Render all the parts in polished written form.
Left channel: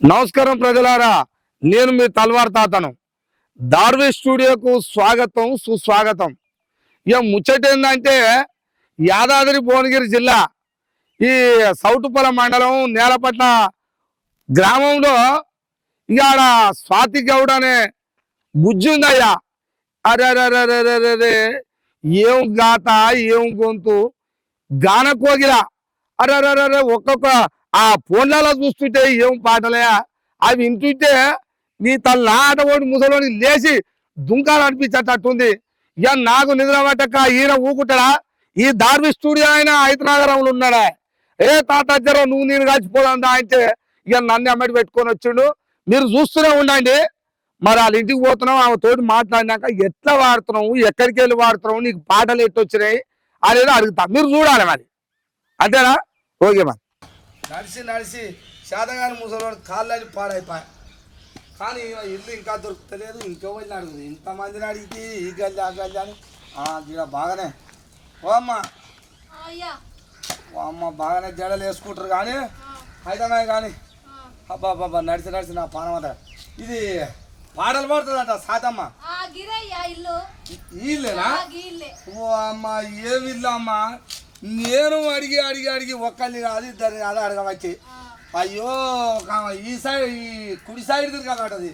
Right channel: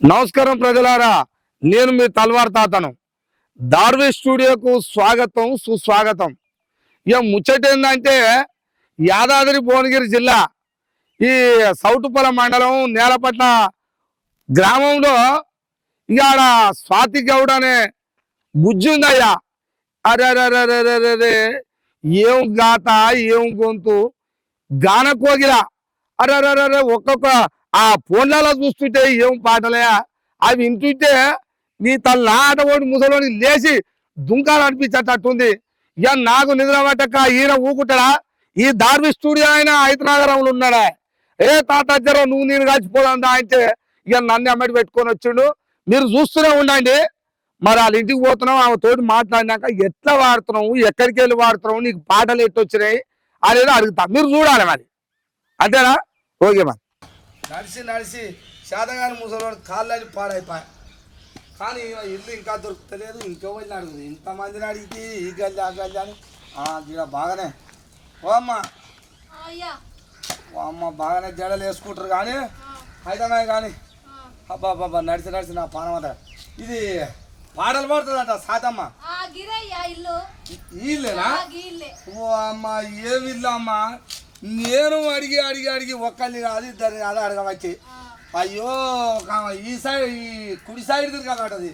నమస్కారం ప్రజలారా, నేను మీ తల్వార్ తాతను. దార్వి స్టూడియోకు స్వాగతం, సుస్వాగతం. ఇక ముచ్చట ఏంటంటే, యాదాద్రి భువనగిరి జిల్లా ఈ సౌటుపల మండలం నేలపట్ల గ్రామంలో ఇవాళ స్వాతి గౌడ్ అనే బుజ్జి ఉందయ్యా. అరే, ఏం గాత, ఏం గొంతు, గాన కోగిల. అరే, ఒక్కొక్క ఆ ఫోన్లలో చూస్తుంటే ఏం పాటలే అవి వింటుంటే నీ తల ఆటోడి ముసలోని లేచి దుంకాలనిపించేటట్టుంది. ఇక నాకు నిద్ర పట్టక ఈయన ఊకుంటాడా? ఈ దార్వి స్టూడియో ఆయన హైదరాబాద్లో ఉన్నాడా? ఏ తాత జర నువ్వు నేను కలిసిపోదా అంటే ఇక నన్ను అమ్మటి పెట్టుకొని వచ్చిండు. మీరు చూస్తూనే ఉండండి. మరి వాళ్ళ ఇంటికి పోతున్నావు, ఆమె తోటి మాట్లాడినాక ఎట్లా వాడుతున్నావు, ఎక్కడికి వెళ్ళి వాడుతున్నావు, నీకు పాటలు ఎట్టొచ్చినాయి అనేది అడుగుతా. మీరు చూడాలి మరి, అంతేనా? ఓకే మరి. నడిచి నడిచి శాతగాని ముసలి కాళ్ళని పాడైపోయా. కానీ ఇల్లు ఇంకా దొరుకుతలేదు. ఇంకెవరిని అడుగుతుంది? ఇంతమందిని అడిగితే ఈ గల్లి ఆ గల్లి అని ఇక్కడ బాగానే ఓ అమ్మ బాగానే జడలు వేసుకుంటారు కానీ హైదరాబాద్ కానీ అబ్బాబ్బా నడిచి నడిచి నా పానం అంతా ఇది పాటలు పడుతుందంట సాతమ్మ. ఇల్లేనా? ఓ అమ్మ ఏమి ఇల్లు అమ్మ. నేను అడిగి అడిగి అడిగి ఒక్కరిని కాదు ఇద్దరిని కాదు అడగవచ్చు. అయ్యో ఈ సైడ్ ఈ కుడి సైడ్ తిరగమంటది,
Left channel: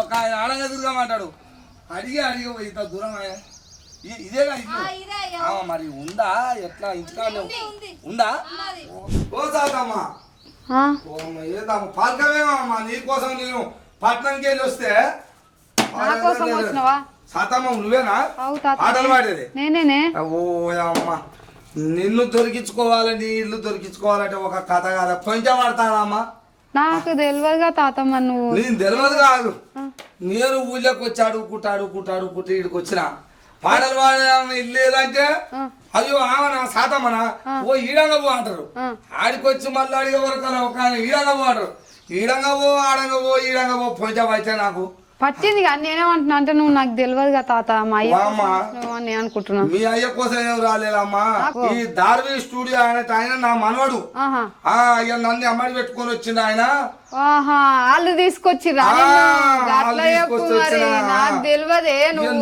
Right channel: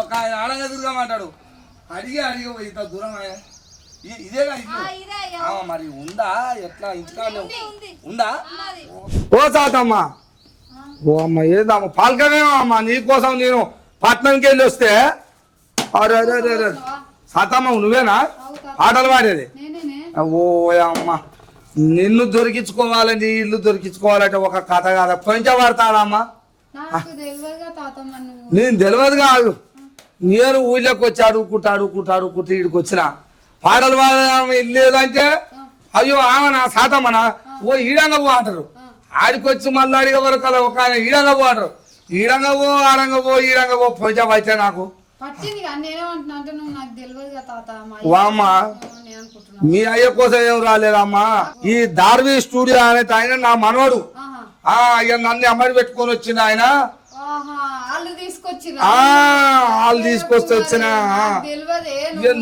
ఒక ఆయన అడగ తిరగమంటాడు. అడిగి అడిగి ఇంత దూరం ఇదేగా ఇల్లు. మరి ఉందా ఎట్లా? ఇంటికాడ ఉందా? ఓ సాతమ్మ, ఓ అమ్మ ఏదమ్మా పాలకమేమో అమ్మ. నీకోసం నేను పట్నంకి వెళ్ళి వస్తే సాతమ్మ నువ్వేనా పాటలు పాడేది? ఓ అమ్మ, నిన్ను దొరికించుకోవాలి, నీ ఇల్లు దొరికించుకోవాలంటే ఒక కథ కాదా? కొంచెం పడతాడమ్మా. నాకు తెలియదుగా తాతమ్మ. నువ్వు నేను తెలియదు కాదు. నేను ఊళ్ళోకి వచ్చి అడుగుకుంటా ఇడికి వచ్చిన పాటలు పాడే ఇల్లు లేదంటే అయ్యో ఆమె నా సాతమ్మనా ఓ ఈడంగా పో అంటారు. ఆడికొచ్చి మళ్ళీ అడిగే వరకు ఒక ఆయన ఈడంగా పో అంటారు. ఈడంగా పో ఆడంగా పో ఈడంగా పో కొంచెం అయితే నాకు పట్టింది. నేనేమంటున్నా అంటే నువ్వు నాకు తెలియదుగా తాత. అనుకుంటున్నా మీ అయ్య కోసం ఏం రాలేదమ్మా. ఈ దార్వి స్టూడియో అనేది ఆయన నా మనవడు. నన్ను అమ్మడి పెట్టుకొని వచ్చింది ఆయన. వాళ్ళు తీసుకొచ్చి వచ్చిన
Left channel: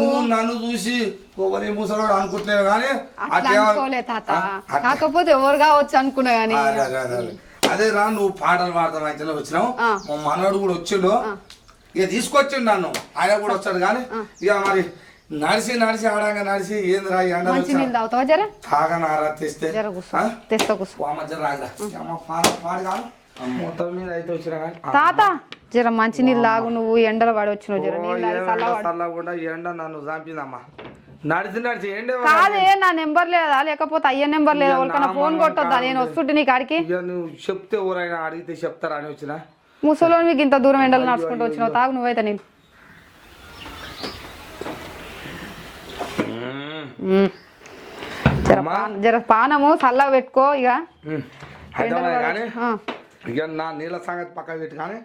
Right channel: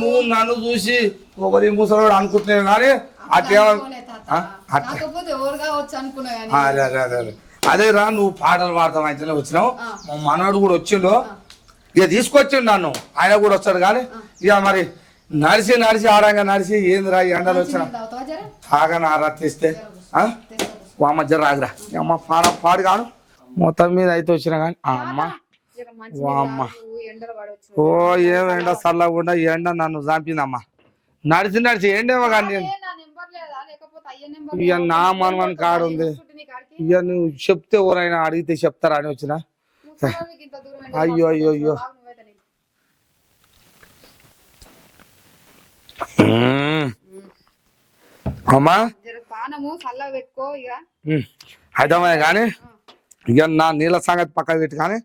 నువ్వు నన్ను చూసి ఒకరి ముసలాడు అనుకుంటున్నావు కానీ కాకపోతే ఎవరు కావచ్చు అనుకున్నా కానీ అదే రా నువ్వు పాటలు పాడతాం అయితే వచ్చినావు. మా మనవడు కూడా వచ్చిండు, ఇక తీసుకొచ్చిండు నన్ను. ఆయన కూడా వచ్చాడు కానీ ఇక మరి నడిచి నడిచి ఆడంగా నడిచి ఏందిరా ఎండలు వచ్చా తాగనారా తెస్తే రాదురా అమ్మ పాడు కాదు మొత్తం మీద అయితే వచ్చినా కానీ జర మంచి నీళ్ళు తాగు. నువ్వు ఎండలు పడి వచ్చిన ఓ ఏం ఎండ చల్లకుండా ఎండ నన్ను చంపిందమ్మా. నడిచి నడిచి ఏండేమో నా నెంబర్ లేదా లేకపోతే అయ్యే నెంబర్ లేదా? నేను వస్తుంటే నీ కాడికి నువ్వు చెప్తే ఎవరైనా అడిగితే చెప్తారా అని వచ్చినా. ముసలో మీకు ఇంత దూరం ఎండలు నడుచుకుంటూ తాగు నువ్వైతే. నేను జర పానము చల్లగా పెట్టుకో. ఇక హైదరాబాద్ కానీ ఇక నా నీళ్ళ సంగతి పక్కన పెట్టి కానీ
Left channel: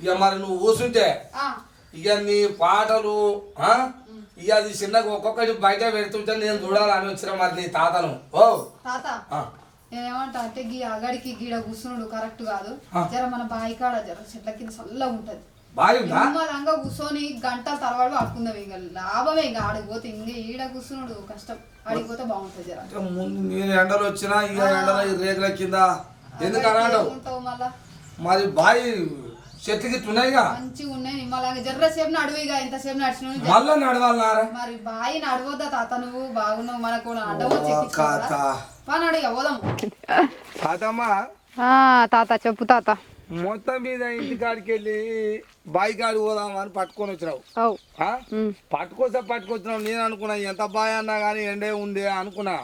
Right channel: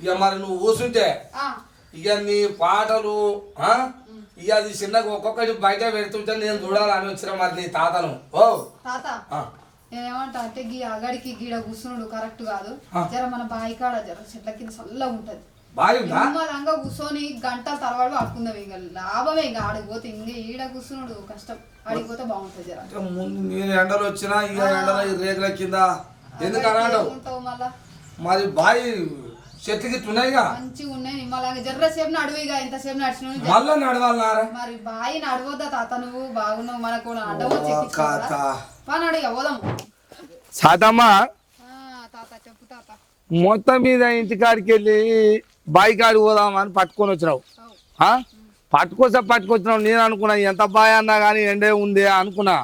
ఇక మరి నువ్వు కూర్చుంటే ఇక నీ పాటలు ఇక అది చిన్నగా ఒక్కొక్కటి బయట పెడుతుంటే నేను చూడాలని వచ్చిన మరి నీ తాతను. ఓ తాత నేనేమంటా అంటే గీ అగడికి గీడ కూర్చున్నాడు కరెక్ట్ కాదు. జర మన బాయి కాడ జర చెట్ల కింద చల్లగా ఉంటది. నిమ్మలంగా కూర్చొని గంటల తర్వాత పడుకుందాం. ఇంకా లాభమే. ఇంకా ఆడిపోతే ఇంకా ఈడ కూర్చున్నాడు కష్టం. ఆడిపోతే బాగుంటది. జర నేను ఎండలు వచ్చినా ఇక ఎండల రేగుల కింద ఎందుకు ఉంటావు మళ్ళా? మరి బాయి చెట్లు గిట్లు ఉన్నాయిగా మంచిగా ఉన్నాయి. నిమ్మలంగా జర్ర సేపు నడువుగా ఇంతసేపు నడిచిన మళ్ళా నడవాలన్నారా? మరి బాయి నడవద్దా తాత? నువ్వు బాగున్నావు మనకు అడ్డమో పోదాం. సాతమ్మ తాత చెప్పు తాత. మొత్తం మీద ఇంటికాడికి వెళ్ళి బాయి కాడికి పోదామని పట్టుకొని వచ్చినావు. పట్టుకొచ్చినావు. నేను అనుకున్నా ఎంత బాయ్ అన్నా కానీ ఎండే ఉంది అనుకున్నా.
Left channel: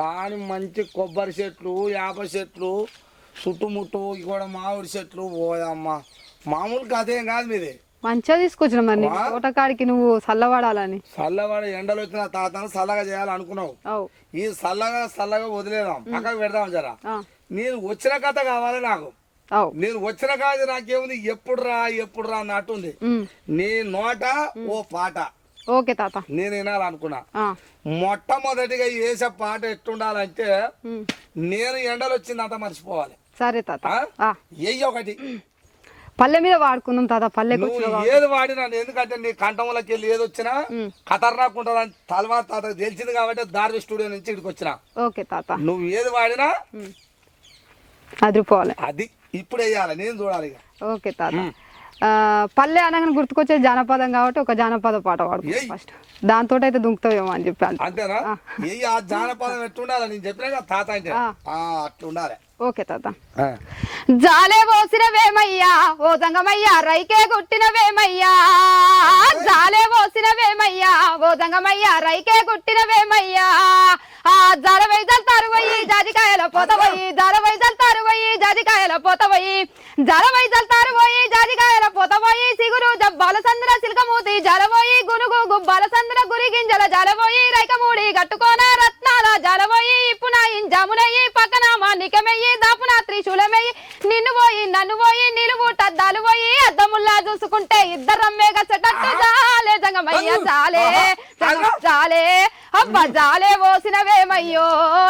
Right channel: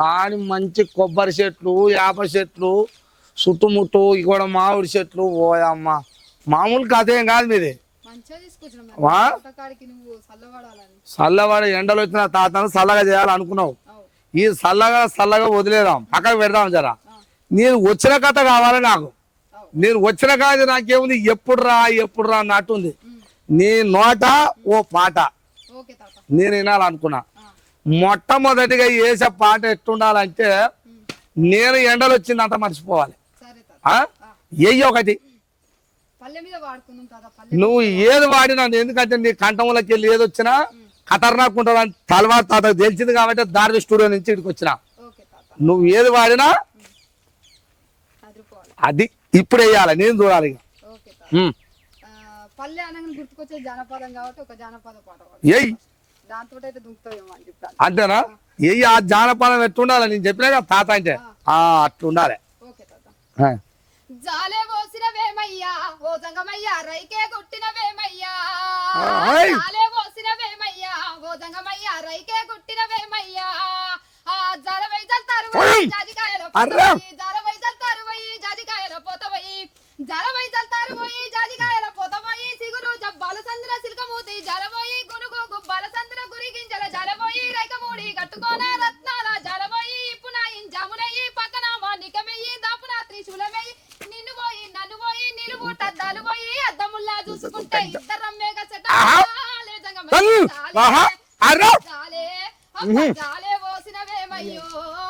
కానీ మంచి కొబ్బరి చెట్లు, యాప చెట్లు చుట్టుముట్టు కూడా మామిడి చెట్లు. పోయమ్మ మామూలు కథ ఏం కాదు మీది. మంచిగా తీసుకొచ్చిన కాడికి నువ్వు చల్లవాడాలని. చల్లవాడ ఎండలు వచ్చిన తాతను చల్లగా చేయాలనుకున్నావు. ఈ చల్లగా వదిలేదాం, పక్కకు పెడదాం జరా. నేను వచ్చిన కథ కావాలి నాకు. నేను వచ్చిన కాదు నాకేముంది ఎప్పుడు రా అన్నట్టుంది. నీ నోట ఓ పాట నేను వినాలనుకున్నా. మొట్టమొదటిగా వేసే పాట ఎట్టుండాలంటే నేను ఎండలు వచ్చిందంత మర్చిపోవాలి. సరే తాత ఒకటి పల్లె మీద వాడుకున్నాం తాత పల్లె నువ్వు ఏది వాడినా ఎందుకంటే నీ కంఠంలోకి వెళ్ళి ఏది వచ్చినా ఖతర్నాక్ ఉంటుందని తలవారు తాత తెలిసింది కాబట్టి దార్వి స్టూడియో నుంచి ఇక్కడికి వచ్చిన. ఓకే తాత నువ్వు ఏది వాడినా అదిరిపోవాలి, అది ఇప్పుడు వేయాలి, నేను చూడాలి. ఓకే తాత. పల్లె అనగానే గుర్తుకొచ్చే జానపదం కాబట్టి ఒక జానపద పాట పాడుకో ఫస్ట్. దాంతో అయితే దుంకుతావేమో అని చెప్పాను. అంతేనా? ఏ ఆ జానపదం ఎట్టుండాలి నేను చెప్పినా కదా తాత అంటే అట్లా ఉండాలి. ఓకే తాత. జాలే పోసినవేమయ్యా ఓ దంగమయ్యా రైకే గుట్టినవేమయ్యా, జాలే పోసినవేమయ్యా ఓ దంగమయ్యా రైకే గుట్టినవేమయ్యా, ఆ జాల వైజాలు తరువయి జాజికాయల పోతవయి, జాల వైజాలు తరువయి జాజికాయల పోతవయి, జాల వైజాలు తరువయి జాజికాయల పోతవయి, సిగురు జబ్బాల సంద్ర సిల్కమూతి జలవోయి, గునుగు గుబ్బాల సంద్ర గురి గింజల జలవోయి, రైకమూడి గట్టుకోన రత్నాల జలవోయి, ఇప్పున ఇంజామునయ్యి పక్కన మానికమయ్యి దాపున త్రిశూలమయ్యి, నిన్ను పోయి నన్ను పోయి నిలువు టద్దాలు పోయి అద్దముల్లా చూసుకుంటే ఇద్దరమ్మే గచ్చట జాలే జంగమయ్య జాలే జాలే అబ్బ జాలే పోసినవేమయ్యో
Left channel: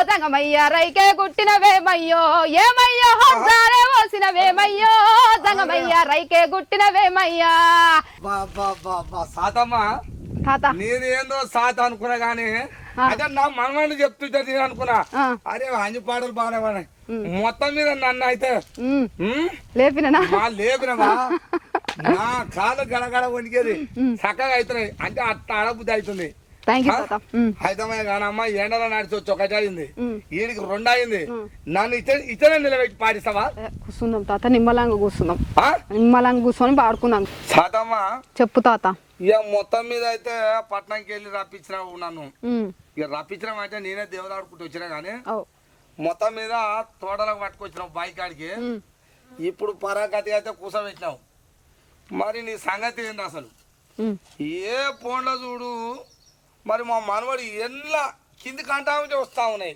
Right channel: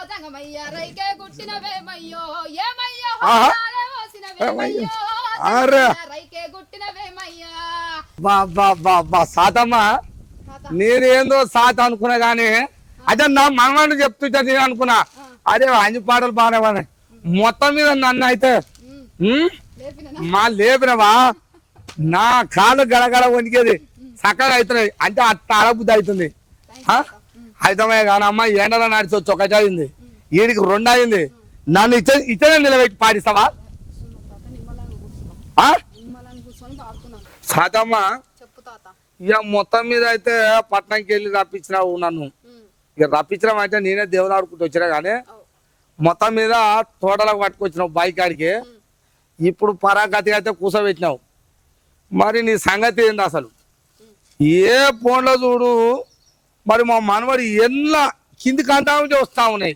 దంగమయ్య రైకే గుట్టినవేమయ్యో, ఏమయ్యో జాలే పోసినవేమయ్యో దంగమయ్య రైకే గుట్టినవేమయ్యా. సాతమ్మ నేనేందో సాత అనుకున్నా గానీ అదే నా మనవాడిని చెప్తుంటా నేను అనుకున్నా అదే అన్ని పాటలు బాగా మొత్తం మీద నన్ను అయితే లేపినవా నా కాళ్ళు గడగడ వణికేది చక్కగా అవుతున్నాయి అంటే అట్ట అడబుద్ధి అవుతుంది. అయితమే కానమ్మా ఎండలో నడిచొచ్చు ఒకటి అయింది వీడికి 2 అయింది, నన్ను ఇచ్చే నిలబెట్టి పాటిస్తావా? కూర్చుందాం తాత, నిమ్మలంగా కూర్చుందాం, నిమ్మలంగా కూర్చొని పాడుకుందాం. సాతమ్మ చెప్పు తాత. ఇక మొత్తం మీద అయితే పట్నంకి వెళ్ళి రప్పించినావు నన్ను. ఇక రప్పించడం అంటే నేనే దేవుని ఆడుకుంటూ వచ్చినా కానీ మొత్తం మీద తోటలకు పట్టుకొచ్చినావు బైక్ కాడికి. ఇప్పుడు పరాగతిగా అయితే కూర్చోబెట్టినావు. మరి నీ సంగతి ఏంది అసలు? ఏ ఫోన్లో చూడు మరి మా మనవడి ఎన్నో కింది కంటాము వస్తా ఉన్నాయి,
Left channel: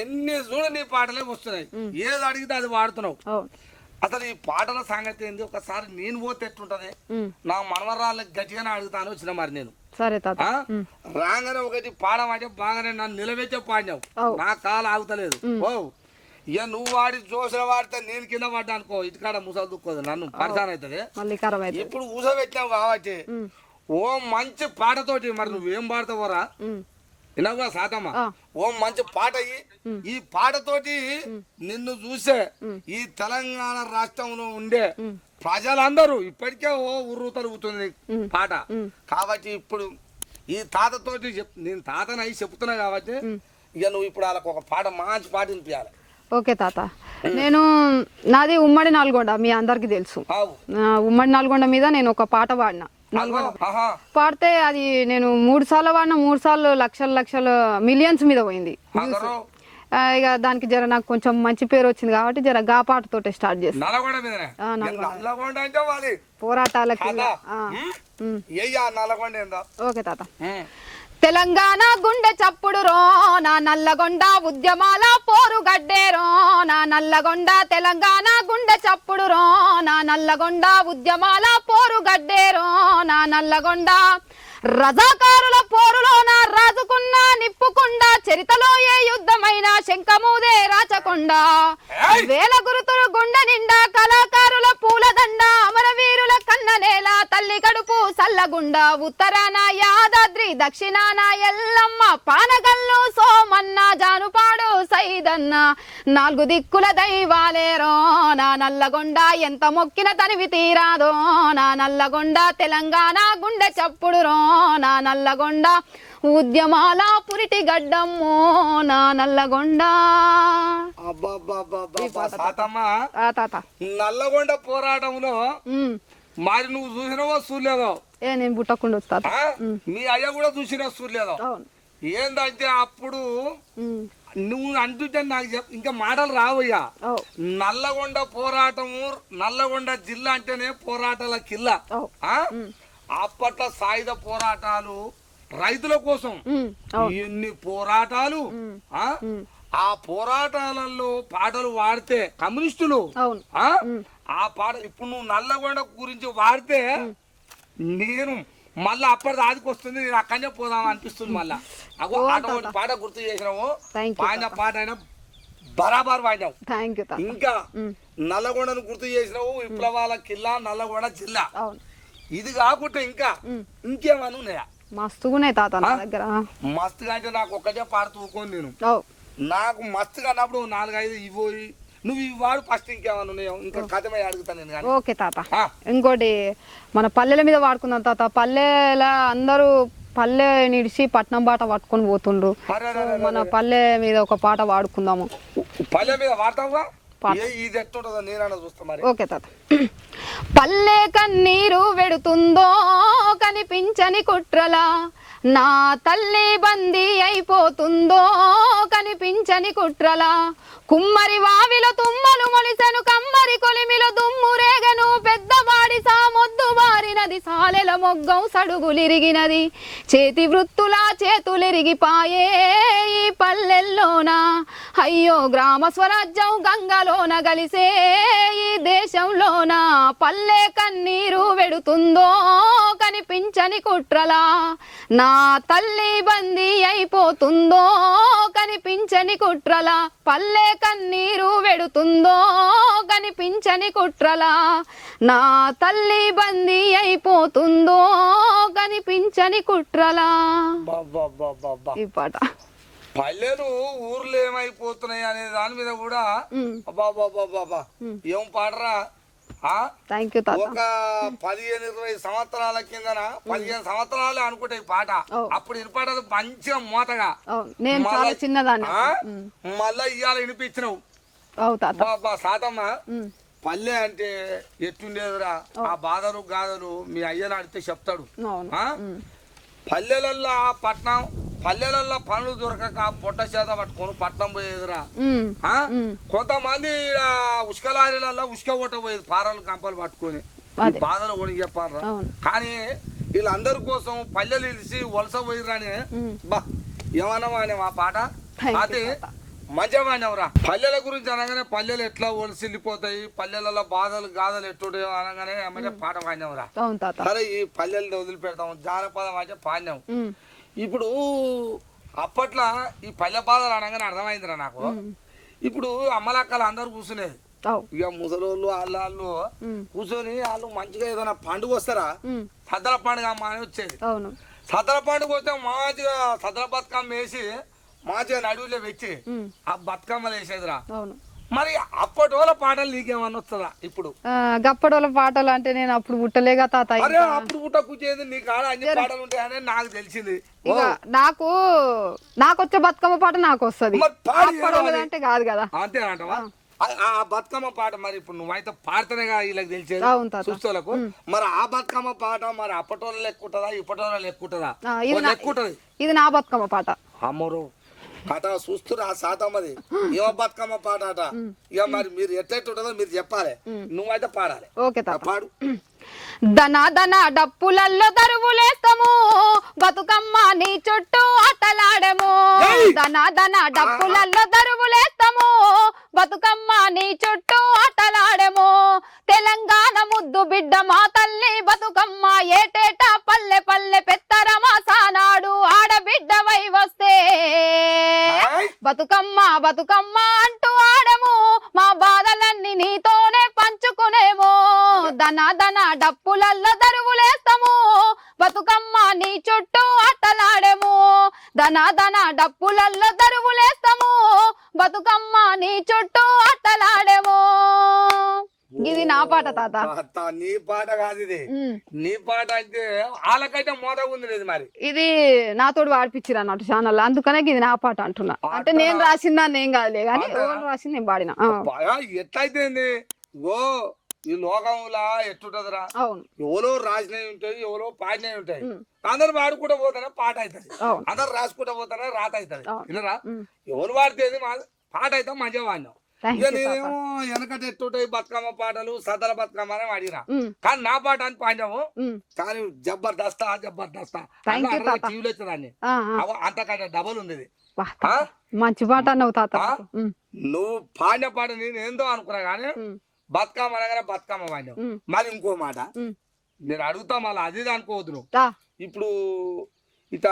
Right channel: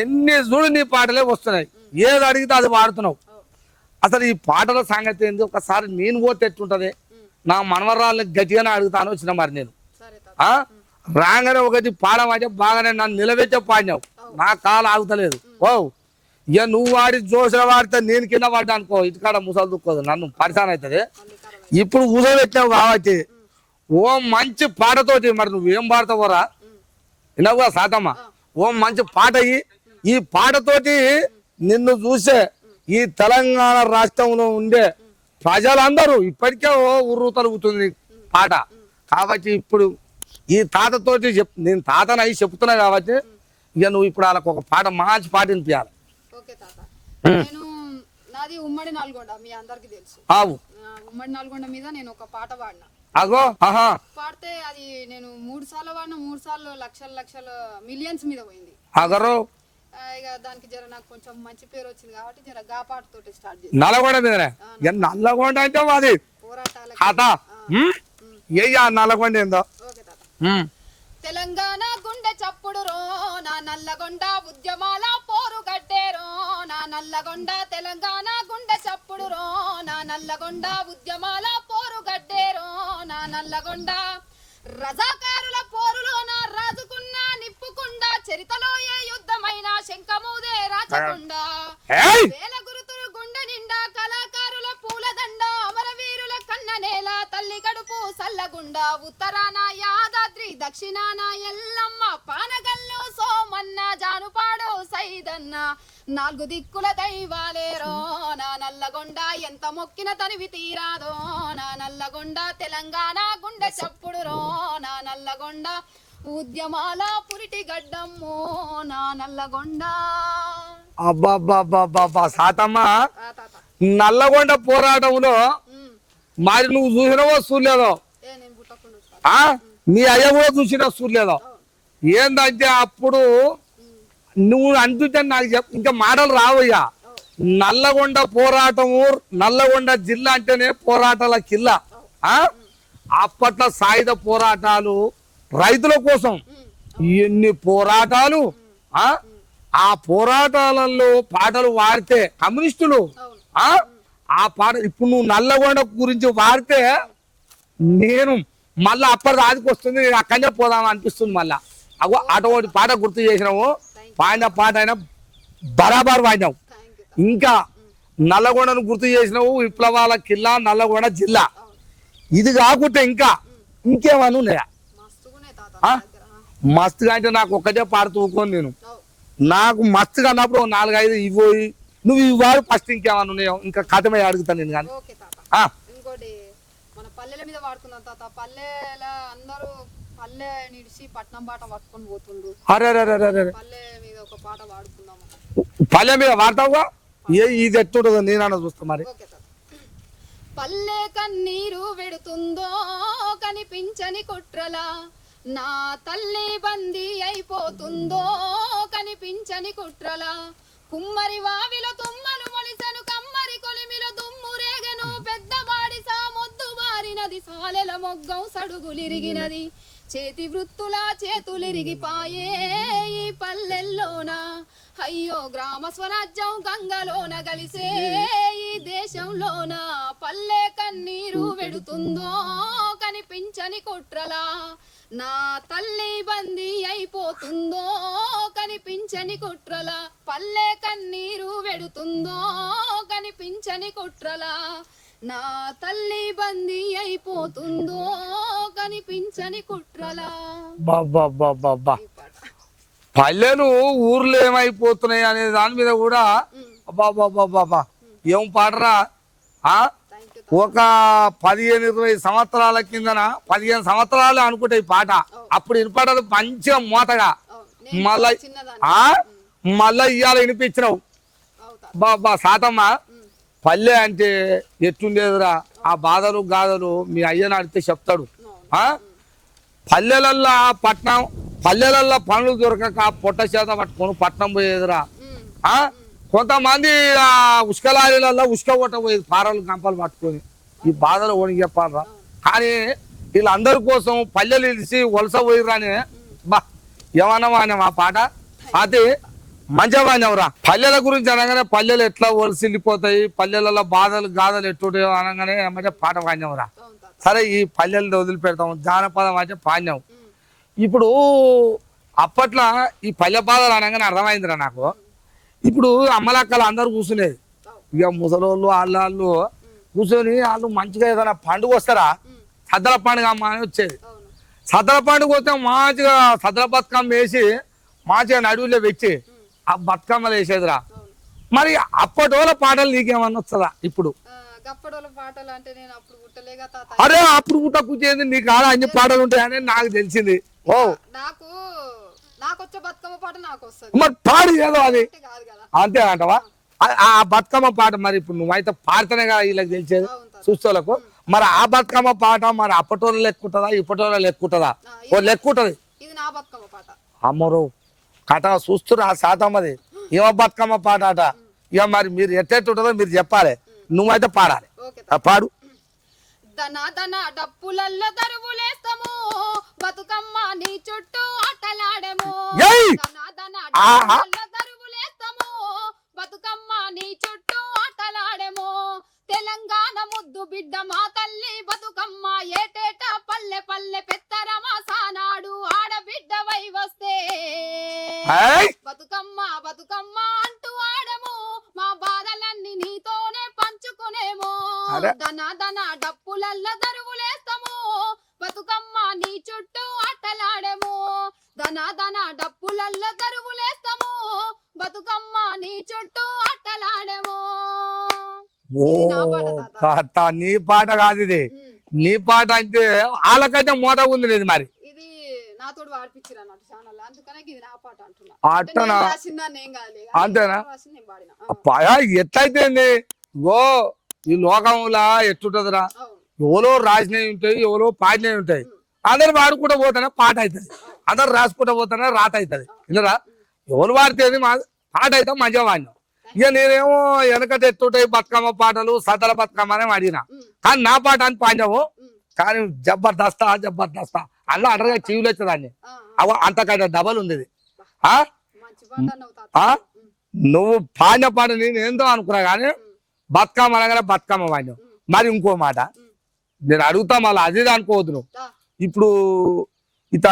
ఎన్ని చూడు నీ పాటలే వస్తున్నాయి, ఏది అడిగితే అది పాడుతున్నావు. అసలు ఈ పాటల సంగతి ఏంది? ఒకసారి నేను పోతే ఎట్టుంటది? నా మనవరాళ్ళని గట్టిగానే అడుగుతాను వచ్చిన. మరి నేను రాగానే ఒకటి పాడమంటే బాగానే నన్ను నిలబెట్టే పాడినావు, నా కాలు ఆగుతలేదు. ఓ ఇక నువ్వు వాడి జోసిన వాడితే నేను కింద పడ్డా అనుకో ఇటుకాడ ముసలు దుక్కోదు, నన్ను పరిశాన్ అవుతుంది. ఇప్పుడు కూసబెట్టినావు కాబట్టి ఓ మంచి పాటతోటి మరి నువ్వేం పాడతావోరా వినవుగా సాతమ్మ? ఓ మంచి పాట ఈ పాటతోటి నిన్ను చూసే ఈ తెలంగాణ రాష్ట్రంలో ఉండే ప్రజలందరూ ఇప్పటికే ఓ ఉర్రు తరుగుతుంది పాట. కాబట్టి ఇప్పుడు ఈ తాతతోటి నేను తాతను అయి చెప్తున్నా కాబట్టి ఇక నువ్వు ఇప్పుడు వాళ్ళకి ఒక పాట మంచి పాట వినిపించాలి. ఓకే తాత. నేను నాది ఉమ్మడి నల్గొండ, మీ అందరికి తెలుసు. ఉమ్మడి నల్గొండ మీద నేను ఒక పాట పాడినా. పాడితే అది నేను 3 సార్లు వాడినా, 3 సార్లు లక్షల మిలియన్స్ మీద పోయింది. ఇక దానికి జర నాకు కొంచెం మంచి పేరు వచ్చింది కాబట్టి జర గా పాటతోటే స్టార్ట్ చేసి పోరాటాలకి. ఓకే తాత. తెలంగాణ గుండె చప్పుడు రో నా నల్లగొండ ఉద్యమాల పోరు గడ్డేరో నా నల్లగొండ, తెలంగాణ గుండె చప్పుడు రో నా నల్లగొండ ఉద్యమాల పోరు గడ్డేరో నా నల్లగొండ, రజాకారుల పోరులోన రాజుకున్న నిప్పుకుండా చరితలో ఏ యుద్ధమైనా శంఖమూదే రాచకొండ, వేల గురుతులు గుండె నిండా కళాకారుల పూలదండ, అమరవీరుల కన్న నేల తల్లి కడుపు సల్లగుండ, ఉత్తరాన యాదాద్రి దక్షిణాన ఎల్లమ్మ పానగల్లు సోమన్న జానుపాడు సైదన్న, 4 దిక్కుల దైవాలేరో నా నల్లగొండ, ఎంత మొక్కిన తనివి తీరాదో నా నల్లగొండ, తెలంగాణ గుండె చప్పుడు రో నా నల్లగొండ ఉద్యమాల పురిటి గడ్డమ్మో నా నల్లగొండ. సాతమ్మ నల్లగొండ పోరాటంలో మరి నువ్వు చూసినావో చూడలేదో? నేను పుట్టకుండా వస్తా. నీ అయ్య కూడా చూసినా చూడలేదో? ఏందంటే అప్పుడు నువ్వు అంటుంటే నాకు ఇంకా మాటలు రావయ్యా. నల్లగొండ పోరాటము, నల్లగొండ జిల్లా అంటేనే పోరాటాల కిల్లా. అప్పట్లో సాయుధ పోరాటాలు రైతుల కోసం ఎన్ని పోరాటాలు. ఆ పోరాటాలలో పాటలు వాడితే కమ్యూనిస్టులు ఆ పాట ఇప్పుడు నువ్వు నల్లగొండ గురించి వాడితే నేను మళ్ళా అప్పటి రాజుకు వస్తుంది, నేను అక్కడనే పోదాం అనిపిస్తుంది. మళ్ళా అగో అటువంటి పాట గుర్తు చేసినావు. పాడిన పాట అయినా బరాబర్ వాడినావు. ఇంకా నల్లగొండను గుర్తు చేసినావు, విప్లవాల కిల్లా నల్లగొండ జిల్లా. అవును. ఇది కాకుంటే ఇంకేమన్నా ఉన్నాయా? మస్తుగున్నాయి తాత నా దగ్గర. మస్తుగా అంటే నాకు ఒక్కటే పాడుతూ ఊకోను నేను. అవు. నాకు మస్తుగా అన్నప్పుడు 4-5 ఇవ్వయి, నువ్వు ఇవ్వాలి ఫస్ట్. ఇంకేమన్నా ఉన్నాయో ఇంకా కథమే అడుగుతాను నేను కానీ. ఓకే తాత. ఇంకోటి మన పల్లెల మీద వాడుకుందాం తాత. పల్లెల అందరూ పల్లె నిడిచి పట్నం బాట పట్టుకొని పోతుండ్రు. మన పల్లె మీద ఒక పాట వాడుకుందాము. పల్లె మీద వాడతావుగా? ఇది ఎట్టుంటుందో నేనన్నా చూస్తా మరి. ఓకే తాత. పల్లె కన్నీరు వెడుతుందో కనిపించని కుట్రలా, నా తల్లి బందీ అయిపోతుందో కనిపించని కుట్రలా, కుమ్మరి వావిలో తుమ్మలు మొలిసెను కమ్మరి కొలిమిలో దుమ్ము రేగను, పెద్దవాడి సామొద్దు బారినది సాలెల మొగ్గం సడుగులిరిగినది, చేతి వృత్తులా చేతులిరిగిపాయే ఈ పల్లెల్లోన, అయ్యో గ్రామ స్వరాజ్యం గంగలోన గలిసే ఈ దేశంలోన, పల్లె కన్నీరు వెడుతుందో కనిపించని కుట్రలా, నా తల్లి బందీ అయిపోతుందో కనిపించని కుట్రలా, పల్లె కన్నీరు వెడుతుందో కనిపించని కుట్రలా, నా తల్లి బందీ అయిపోతుందో కనిపించని కుట్రలా. ఈ పాట పల్లెలు ఊర్లు ఏమైపోతున్నాయి అనే దాని మీద కూడా బాబా ఏం పాడరా. ఒక 15-20 సంవత్సరాల కిందన 15 సంవత్సరాలు అనుకుంటే ఈ పాట అప్పుడు వినపడదు మంచిగా మోతగా. మళ్ళా ఇవాళ వినిపించినావు బాబా సాతమ్మ. పల్లె అంటే ఎట్టుండేదిరా, ఆ బాధలు గాథలు మీ అయ్యని అడిగితే చెప్తాడు. పల్లెలల్లా పల్లెలల్లో పనులు దొరకక పొట్ట చేత పట్టుకొని పట్నం పోయేదిరా. కొంతమంది ఉష్కలారీలలో ఉష్క పోయేది పారలు గంపలు పట్టుకొని. ఈ బాధలు ఓని చెప్పాలరా. కానీ వీళ్ళందరి కోసం పల్లెలు ఇలిసి వలస పోయిరాని బా ఏమన్నా ఆ పాట అది మంచిగా వాడినవరా. పల్లెల గురించి అనగానే పల్లెలు ఎట్లా వలసిల్లిపోతాయి, పల్లెలలో బాధలు గాథలు ఎట్టుంటాయో అనగానే ఏమంటే పాట వాడినవరా. సరే ఈ పల్లెలు వదిలిపెడతాం, జానపదం అంటే పాడినాం. ఇప్పుడు అప్పట్లో ఈ పల్లె బాధలు అనగానే అర్థమైందిరా నాకు. ఇప్పుడు అమ్మలక్కలు అందరు కూర్చునేది, ఇక ముసలోళ్ళు వాళ్ళు కూర్చొని వాళ్ళు మంచిగా ఏదైనా పండుగ వస్తారా, సద్దల పండుగ అమ్మ అని వచ్చేది. సద్దల పండుగ వస్తే మంచిగా సద్దల బతుకమ్మ వేసి మంచిగా నడువులో పెట్టి ఆ బతుకమ్మలు వేసేదిరా. మరి అప్పటోళ్ళ పాటలు నీకేమన్నా వస్తుందా ఇప్పుడు? గప్పడోళ్ళ పాటలు అంటే నేను అప్పుడు పుట్టలేగా తాత. అరే అప్పుడు పుట్ట కూర్చేది నీకు ఆడ అన్ని పాటలు ఉంటాయని నాకు తెలిసింది. నాకు వచ్చే బతుకమ్మ పాట నాకు వస్తుంది, మరి పాడు ఏదో అది కాదు కదా. అంతే అంటవా? ఆ బతుకమ్మ పాట మరి ఇప్పుడు నువ్వైతే పాడుతూనే కదా వీళ్ళకి తెలిసేది చూస్తోళ్ళకు. మరి ఆ బతుకమ్మ పాట మరి అప్పటోళ్ళు లెక్కుంటదా ఇప్పటోళ్ళ లెక్కుంటదా? లెక్కుంటది. ఇది నా బతుకమ్మ పాట. అమ్మరు కథ చూస్తురా ఆ శాతమ్మది ఏమో బతుకమ్మ పాట అట. ఇక మరి మీరు ఎట్టెట్టుంటదో మీరు చెప్పాలి, నువ్వైతే పాడాలి. పాడు. దన దన డప్పులల్లో దరువులేస్తాము, బతుకమ్మ నీ చుట్టూ ఆటలాడము. దన దన డప్పులల్లో దరువులేస్తాము, బతుకమ్మ నీ చుట్టూ ఆటలాడము. తెలంగాణ ముద్దు బిడ్డ మా తల్లి బతుకమ్మ, ఏటేటా పల్లె పల్లె పెత్తరమా సానాడు ఆడబిడ్డవై వస్తే బతుకమ్మ బతుకమ్మ అంటూ ఆడము, మా బాధలన్నీ నీతోనే పంచుకునేమో. దన దన డప్పులల్లో దరువులేస్తాము, బతుకమ్మ నీ చుట్టూ ఆటలాడేము. దన దన డప్పులల్లో దరువులేస్తాము, బతుకమ్మ నీ చుట్టూ ఆటలాడేము. ఇది నా పాట తాత. నీ పాట కాదు ఇది, నీ పాట అంటే వాళ్ళకైతే మోత ఉంది లేదు. మరి ఇది నాతోడు వాడిపించారు అన్నట్టు ఛానల్, అందుకనే ఇది నా పాట అంటున్నా. అంటే నేను రాసిందా నేను కాదులే, రాసింది నేను పాడినా. ఎట్లయితే ఓ ఈ లోకంలా ఎట్టుంటదిరా, ఎవరో రాసినవి ఉంటాయి, ఎవరో పాడినవి ఉంటాయి. అందరు వాడుకుంటూ పోతానే పాట అవుతుంది, అందరు రాసుకుంటూ పోతానే రాత అవుతుంది. ఇలా ఎవరు వాడితే పాట అయితే మంచిగా వాడినాం. ఇక నేనేమో వెనకట ఎట్టుంటాయి బతుకమ్మ పాటలు సద్దల బతుకమ్మ అని అడిగినా, కానీ నా పాట అని పాడినావు. కానీ జబర్దస్తా అలా అడగా చెవులు వచ్చేదాన్ని, అంతకంటే డబల్ ఉంది. మంచి పాట నువ్వు పాడిన పాట నేను ఏందో అనుకున్నా, కానీ బతుకమ్మ అనగానే బతుకమ్మ వాడినావు. మరి ఇంకో మాట నేను అడుగుతా, మళ్ళీ అది అనుకోవద్దు నువ్వు. ఇప్పుడు ఇత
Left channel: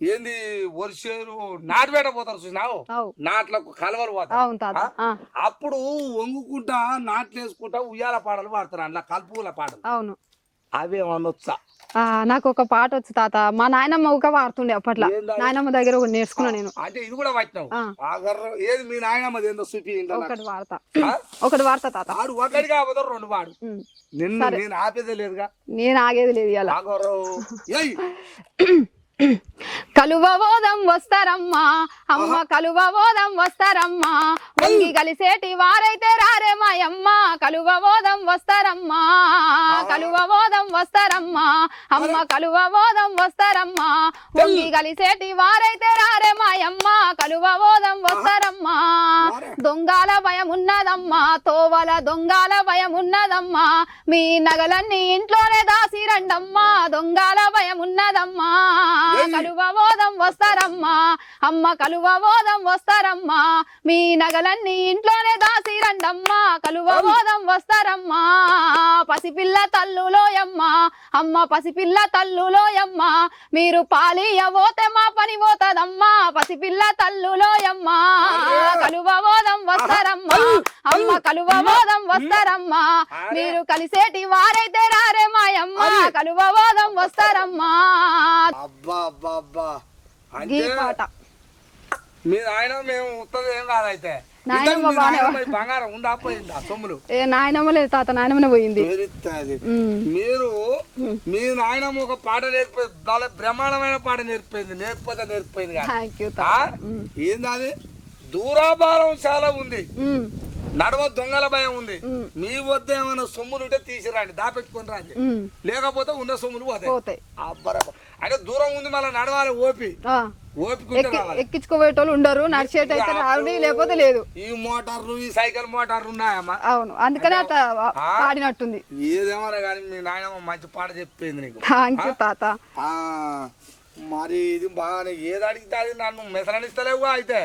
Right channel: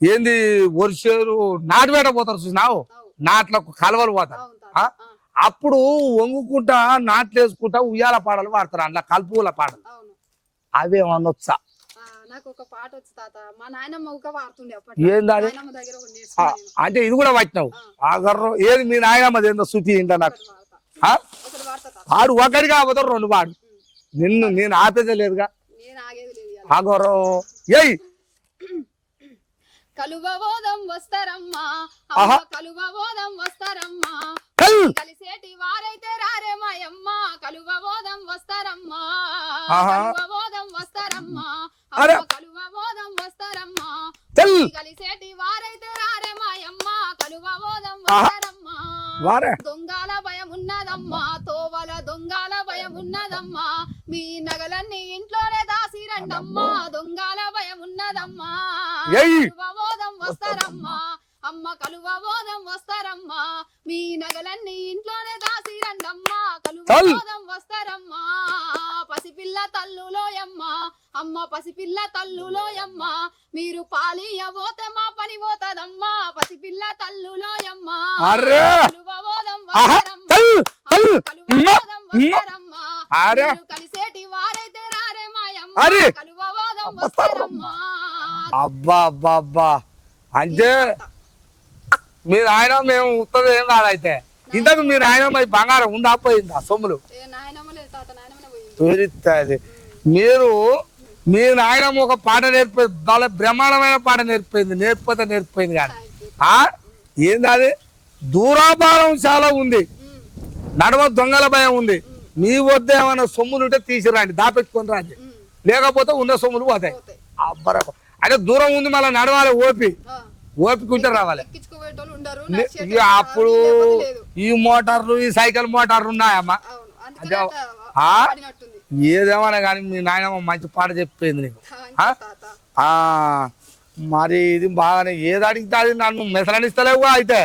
ఏంది వర్షేరు నాటు వేట పోతారు చూసినావు, అవు. నాట్లకు కలవలు పోతారు. అవును తాత. ఆ? అప్పుడు వంగుకుంటా నాట్లు వేసుకుంటా ఉయ్యాల పాటలు పాడతారు, అందులో కలుపుల పాటలు. అవును. అవేమనొచ్చా? నాకు ఒక పాట వచ్చు తాత. మా నాయనమ్మ ఒక వాడుతుండే అప్పట్లో. ఏందని? నాయనమ్మ దగ్గర ఒకటి నేర్చుకున్నా నేను. అంటే ఇది కూడా పట్టినావు ఆ గర్రం. ఏది మీ నాయనమ్మది ఏందో శృతి ఏంటో నాకు. ఒకటి వాడతా, ఆ? ఒకటి వాడతా తాత. ఆడు ఒకటి కాకపోతే రెండు వాడు. నేను ఆపేదే లేదుగా. నేను ఆగేది లేదు ఇలా. ఆ గౌరవం ఏయ్ కలువబోదం వస్తారమ్మా అమ్మ, కలువబోదం వస్తారమ్మా, వంగి కలిసేటి వారైతే రారే మాయమ్మ, కలువబోదం వస్తారమ్మా, కలువబోదం వస్తారమ్మా అమ్మ, కలువబోదం వస్తారమ్మా, వంగి కలిసేటి వారైతే రారే మాయమ్మ, కలువబోదం వస్తారమ్మా. దొంగల భయం ఉన్నదమ్మా, తోవల దొంగల భయం ఉన్నదమ్మా, మీ నగలన్నీ ఇంట్లోనే దాసి రండమ్మా, దొంగల భయం ఉన్నదమ్మా, కలువబోదం వస్తారమ్మా అమ్మ, కలువబోదం వస్తారమ్మా, మీ నగలన్నీ ఇంట్లోనే దాసి రండమ్మా, కలువబోదం వస్తారమ్మా. పసిపిల్ల తల్లులోయమ్మ అమ్మ, పసిపిల్ల తల్లులోయమ్మ, మీరు పాలియబోతే మా పని పోతదమ్మా, పసిపిల్ల తల్లులోయమ్మ, కలువబోదం వస్తారమ్మా అమ్మ, కలువబోదం వస్తారమ్మా, మీరు కలిసేటి వారైతే రారే మాయమ్మ, కలువబోదం వస్తారమ్మా. అబ్బా అబ్బా అబ్బా, అంటే మీరు ఆయన మేము ఉత్తది ఏం కాదైతే. ఇంతకు మీ నాయనమ్మ బంగారం ఉందా పోయిందా సొమ్ములు? నాయనమ్మ లేదు తాత, నాయనమ్మనే పోయింది. మీరు మీ నాయనమ్మ ఒక పాట నేర్పేది, చాలా బ్రహ్మాండమైన పాట నేర్పింది, నేర్పిపోయింది కానీ ఏంది అది దూరాభారం చాలా ఉంది, నడవ దొంగల భయం ఉంది. మీ వద్ద ఏమైనా సొమ్ములు ఉంటే తీసిరండి, దాపెట్టుకొని రండి, లేకపోతే ఉన్న సొమ్ములు పోతాయి. అబ్బరా అంటే దూరం ఉంది, మళ్ళీ నడవాలి, ఓపికుంటే రావాలి. ఎక్కించుకోబోయేటోళ్ళు ఉండరు, ఈ మోటార్లు ఈ సైకిల్ మోటార్లు ఉన్నాయమ్మా. అవును, అందుకనే ఆడినట్టుంది. ఏదేమన్నా కానీ మీ నాయనమ్మ మంచి పాట చెప్పింది నీకు తాత. మరి ఇది బాగానే ఏది అడిగితే అది నన్ను మెసలనిస్తలేవు అయితే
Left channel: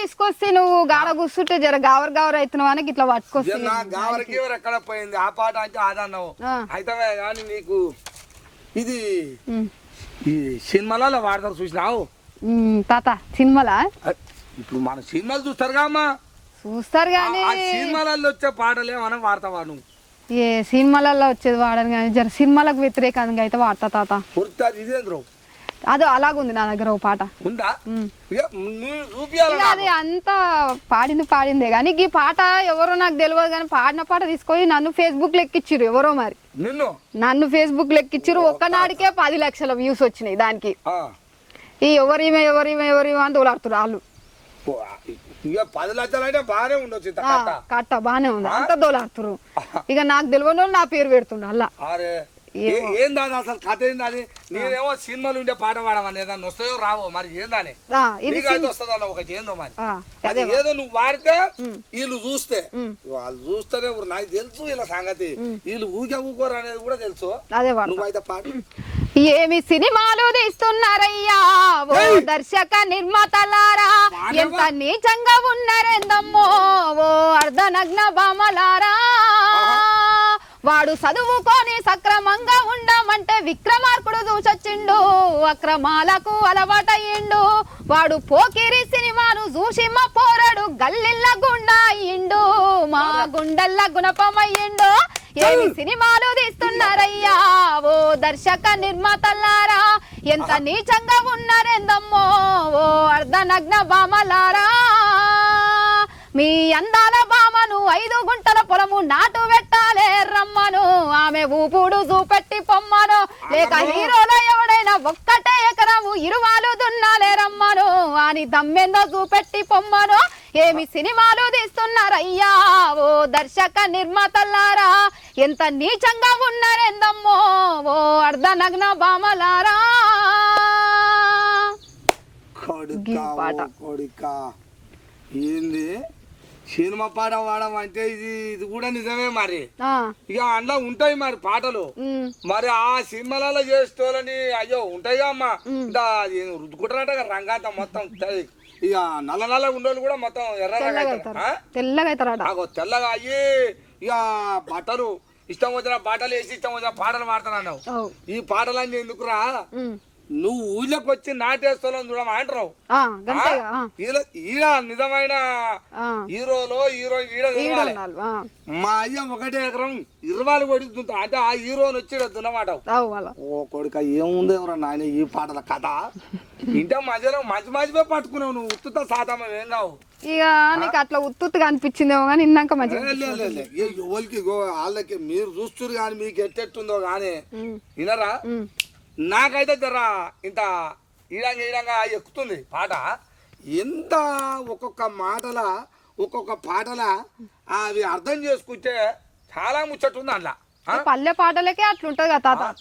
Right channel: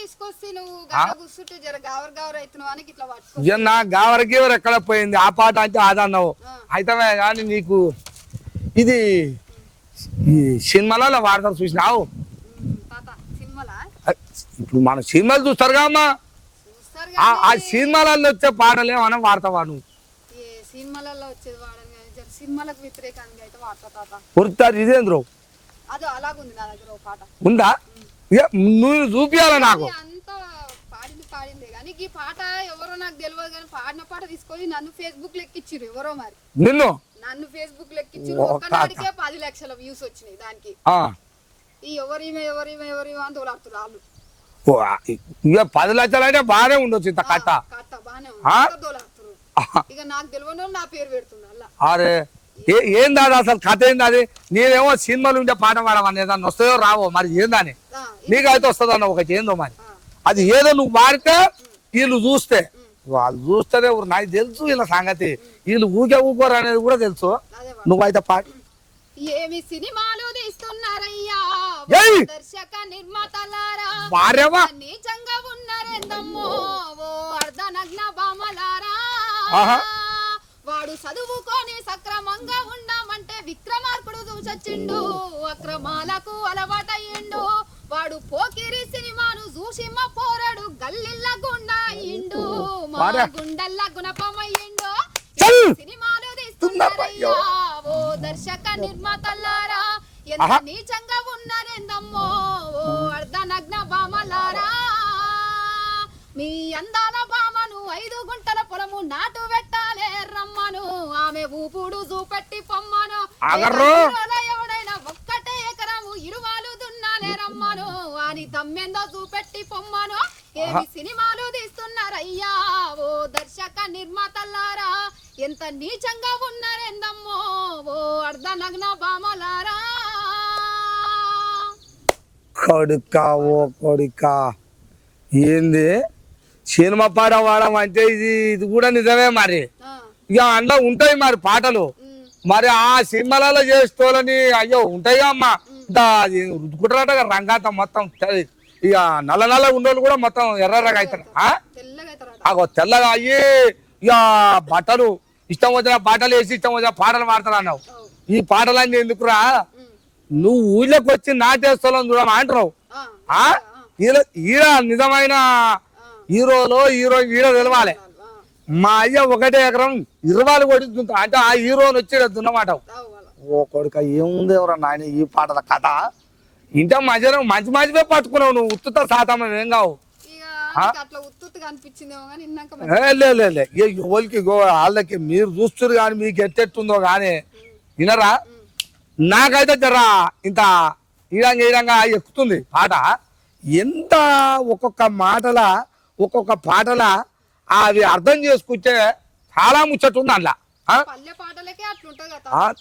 తీసుకొస్తే నువ్వు గాన కూర్చుంటే జర గావర్ గావర్ అవుతున్నావు అని ఇట్లా పట్టుకొస్తా. నా గావరకి ఎక్కడ పోయింది ఆ పాట అంటే అదన్నావు అయితే కానీ నీకు ఇది ఈ సినిమాలో వాడతారు చూసినావు తాత? సినిమాలా? ఇప్పుడు మన సినిమాలు చూస్తారు అమ్మా, చూస్తారు ఆ సినిమాలలో వచ్చే పాటలు ఏమన్నా వాడతావా నువ్వు? ఏ సినిమాలలో వచ్చేది వాడను కానీ జర సినిమాలకు వ్యతిరేకంగా అయితే వాడతా తాత. కుర్తారు ఇదేంద్రో అదో అలాగుంది నా దగ్గర ఒక పాట ఉందా, నువ్వు చూపియాలా నాకు? అంతా పాడిందే కానీ ఈ పాట ఎవరో నాకు తెలియదు కానీ పాడిన పాట తీసుకొని నన్ను ఫేస్బుక్ లెక్కిచ్చిర్రు ఎవరో, మరి నన్ను ఫేస్బుక్ లెక్కిచ్చిర్రు. ఒక్కనాడికే 10 లక్షల వ్యూస్ వచ్చినాయి దానికి. ఈ ఎవరిమే అని తోలాడుతున్నారు వాళ్ళు. ఇక 10 లక్షలు అంటే బాగానే ఉండొచ్చు, కట్ట బాగానే ఉంది, తోలాడుతున్నారు. ఇక నాకు తెలియని నా పేరు పెడుతుండ అలా. ఏందా అసలు కథ ఏంది అది? నేనేమో సినిమాలు ఉండే పాట పాడమని ఏదన్నా వస్తుందో రావో మరి ఏందని నీకైతే వస్తుందన్న ఒకటి ఏందో మరి అది ఏదో నువ్వు వాడితే వీళ్ళు చూస్తే వాళ్ళు చూస్తేనే నాకు తెలుసు వీళ్ళ సంగతి, వీళ్ళు ఊకోరు అనేది కూడా తెలుసు. నువ్వైతే పాట ఏమి సినిమాలు తీస్తున్నారయ్యా దర్శక నిర్మాతలారా, నీచంగా ఉన్నారేందమ్మో ఓ అర్ధనగ్న బామలారా, వాడు చదువుకొని సక్రమంగా ఉండమంటే విక్రమార్కుడు చూసొచ్చిండు, అక్రమాలకు అలవాటయ్యిండు, వాడు పోకిరి సినిమాను చూసి మా పోరాడు గల్లిల్ల గుండా అయ్యిండు, మా గుండెల్ల గుణపమయ్యిండు. సినిమాలు తీస్తున్నారయ్యా ఓ దర్శక నిర్మాతలారా, ఎంత నీచంగా ఉన్నారేందమ్మో ఓ అర్ధనగ్న బామలారా, మీ అందాల బామను 5 గుంటల పొలము నాటు పెట్టాలే రమ్మను, ఆమె ఊపుడు చూపెట్టి పొమ్మను, ఎవడైనా ఒక్కటే ఎకరము ఇరువాలు దున్నాలే రమ్మను, అని దమ్మెందో చూపెట్టి పొమ్మను. ఏమి సినిమాలు తీస్తున్నారయ్యా ఓ దర్శక నిర్మాతలారా, ఎంత నీచంగా ఉన్నారేందమ్మో ఓ అర్ధనగ్న బామలారా. కొడుకా ఏంది సినిమా పాట వాడడం అంటే ఇది కూడా నిజమే మరి. ఇక అందులో ఉంటాయి మరి పాటలు, మరి ఆ సినిమాలలో చేస్తోలని అయ్యో ఉంటాయిగా అమ్మా. రుద్దుకుంటారట రంగాత మొత్తం ఇక నల్ల ఉండోళ్ళు కూడా మొత్తం ఎర్రగా అవుతారు, తెల్లగా అయ్యి ఇక బట్టలు ఇష్టం వచ్చిన బట్టలు వేసి ఇష్టం వచ్చిన పాటలు పాడతారు అన్నావు. ఈ పాటలన్నీ ఎందుకురా నువ్వు ఊళ్ళోకి వచ్చి నాటేస్తావు చూడమా అంటారు. ఆ, గంతేగా, ఆ, ఈడ నిజమైన ఆ, హీరోలో ఈడ తెలవాలి. ఆ, మా అయ్య 1 ఎకరం 20 కొడుతుంటా అంటే ఆ హీరోని వచ్చి దున్నమాట. అవు వాళ్ళ. ఓ కొడుక ఏముంది ఎవరో నాయన ఈ పాటల కథ ఇంటే మధ్యలో మంచి పట్టుకున్నావు నువ్వు. ఉత్తుత శాతం ఏం కావు. ఇక నీకు అట్లా ఉత్తుగా అనిపించిందేమో కానీ ఇన్నాక మంచి ఎవరికి వాళ్ళకి మీరు చూస్తున్నారు కానీ మీకు ఎట్టెట్టుందో కానీ వినరా. నాకైతే జరా ఇంత ఈడంగా ఎక్కుతుంది పాట. ఎంత ఒక్కొక్క పాటల అవి అర్థం చేసుకుంటే చాలా ముచ్చట ఉంది అందులో. పల్లె పాటలకే అట్లుంటది కదా తాత.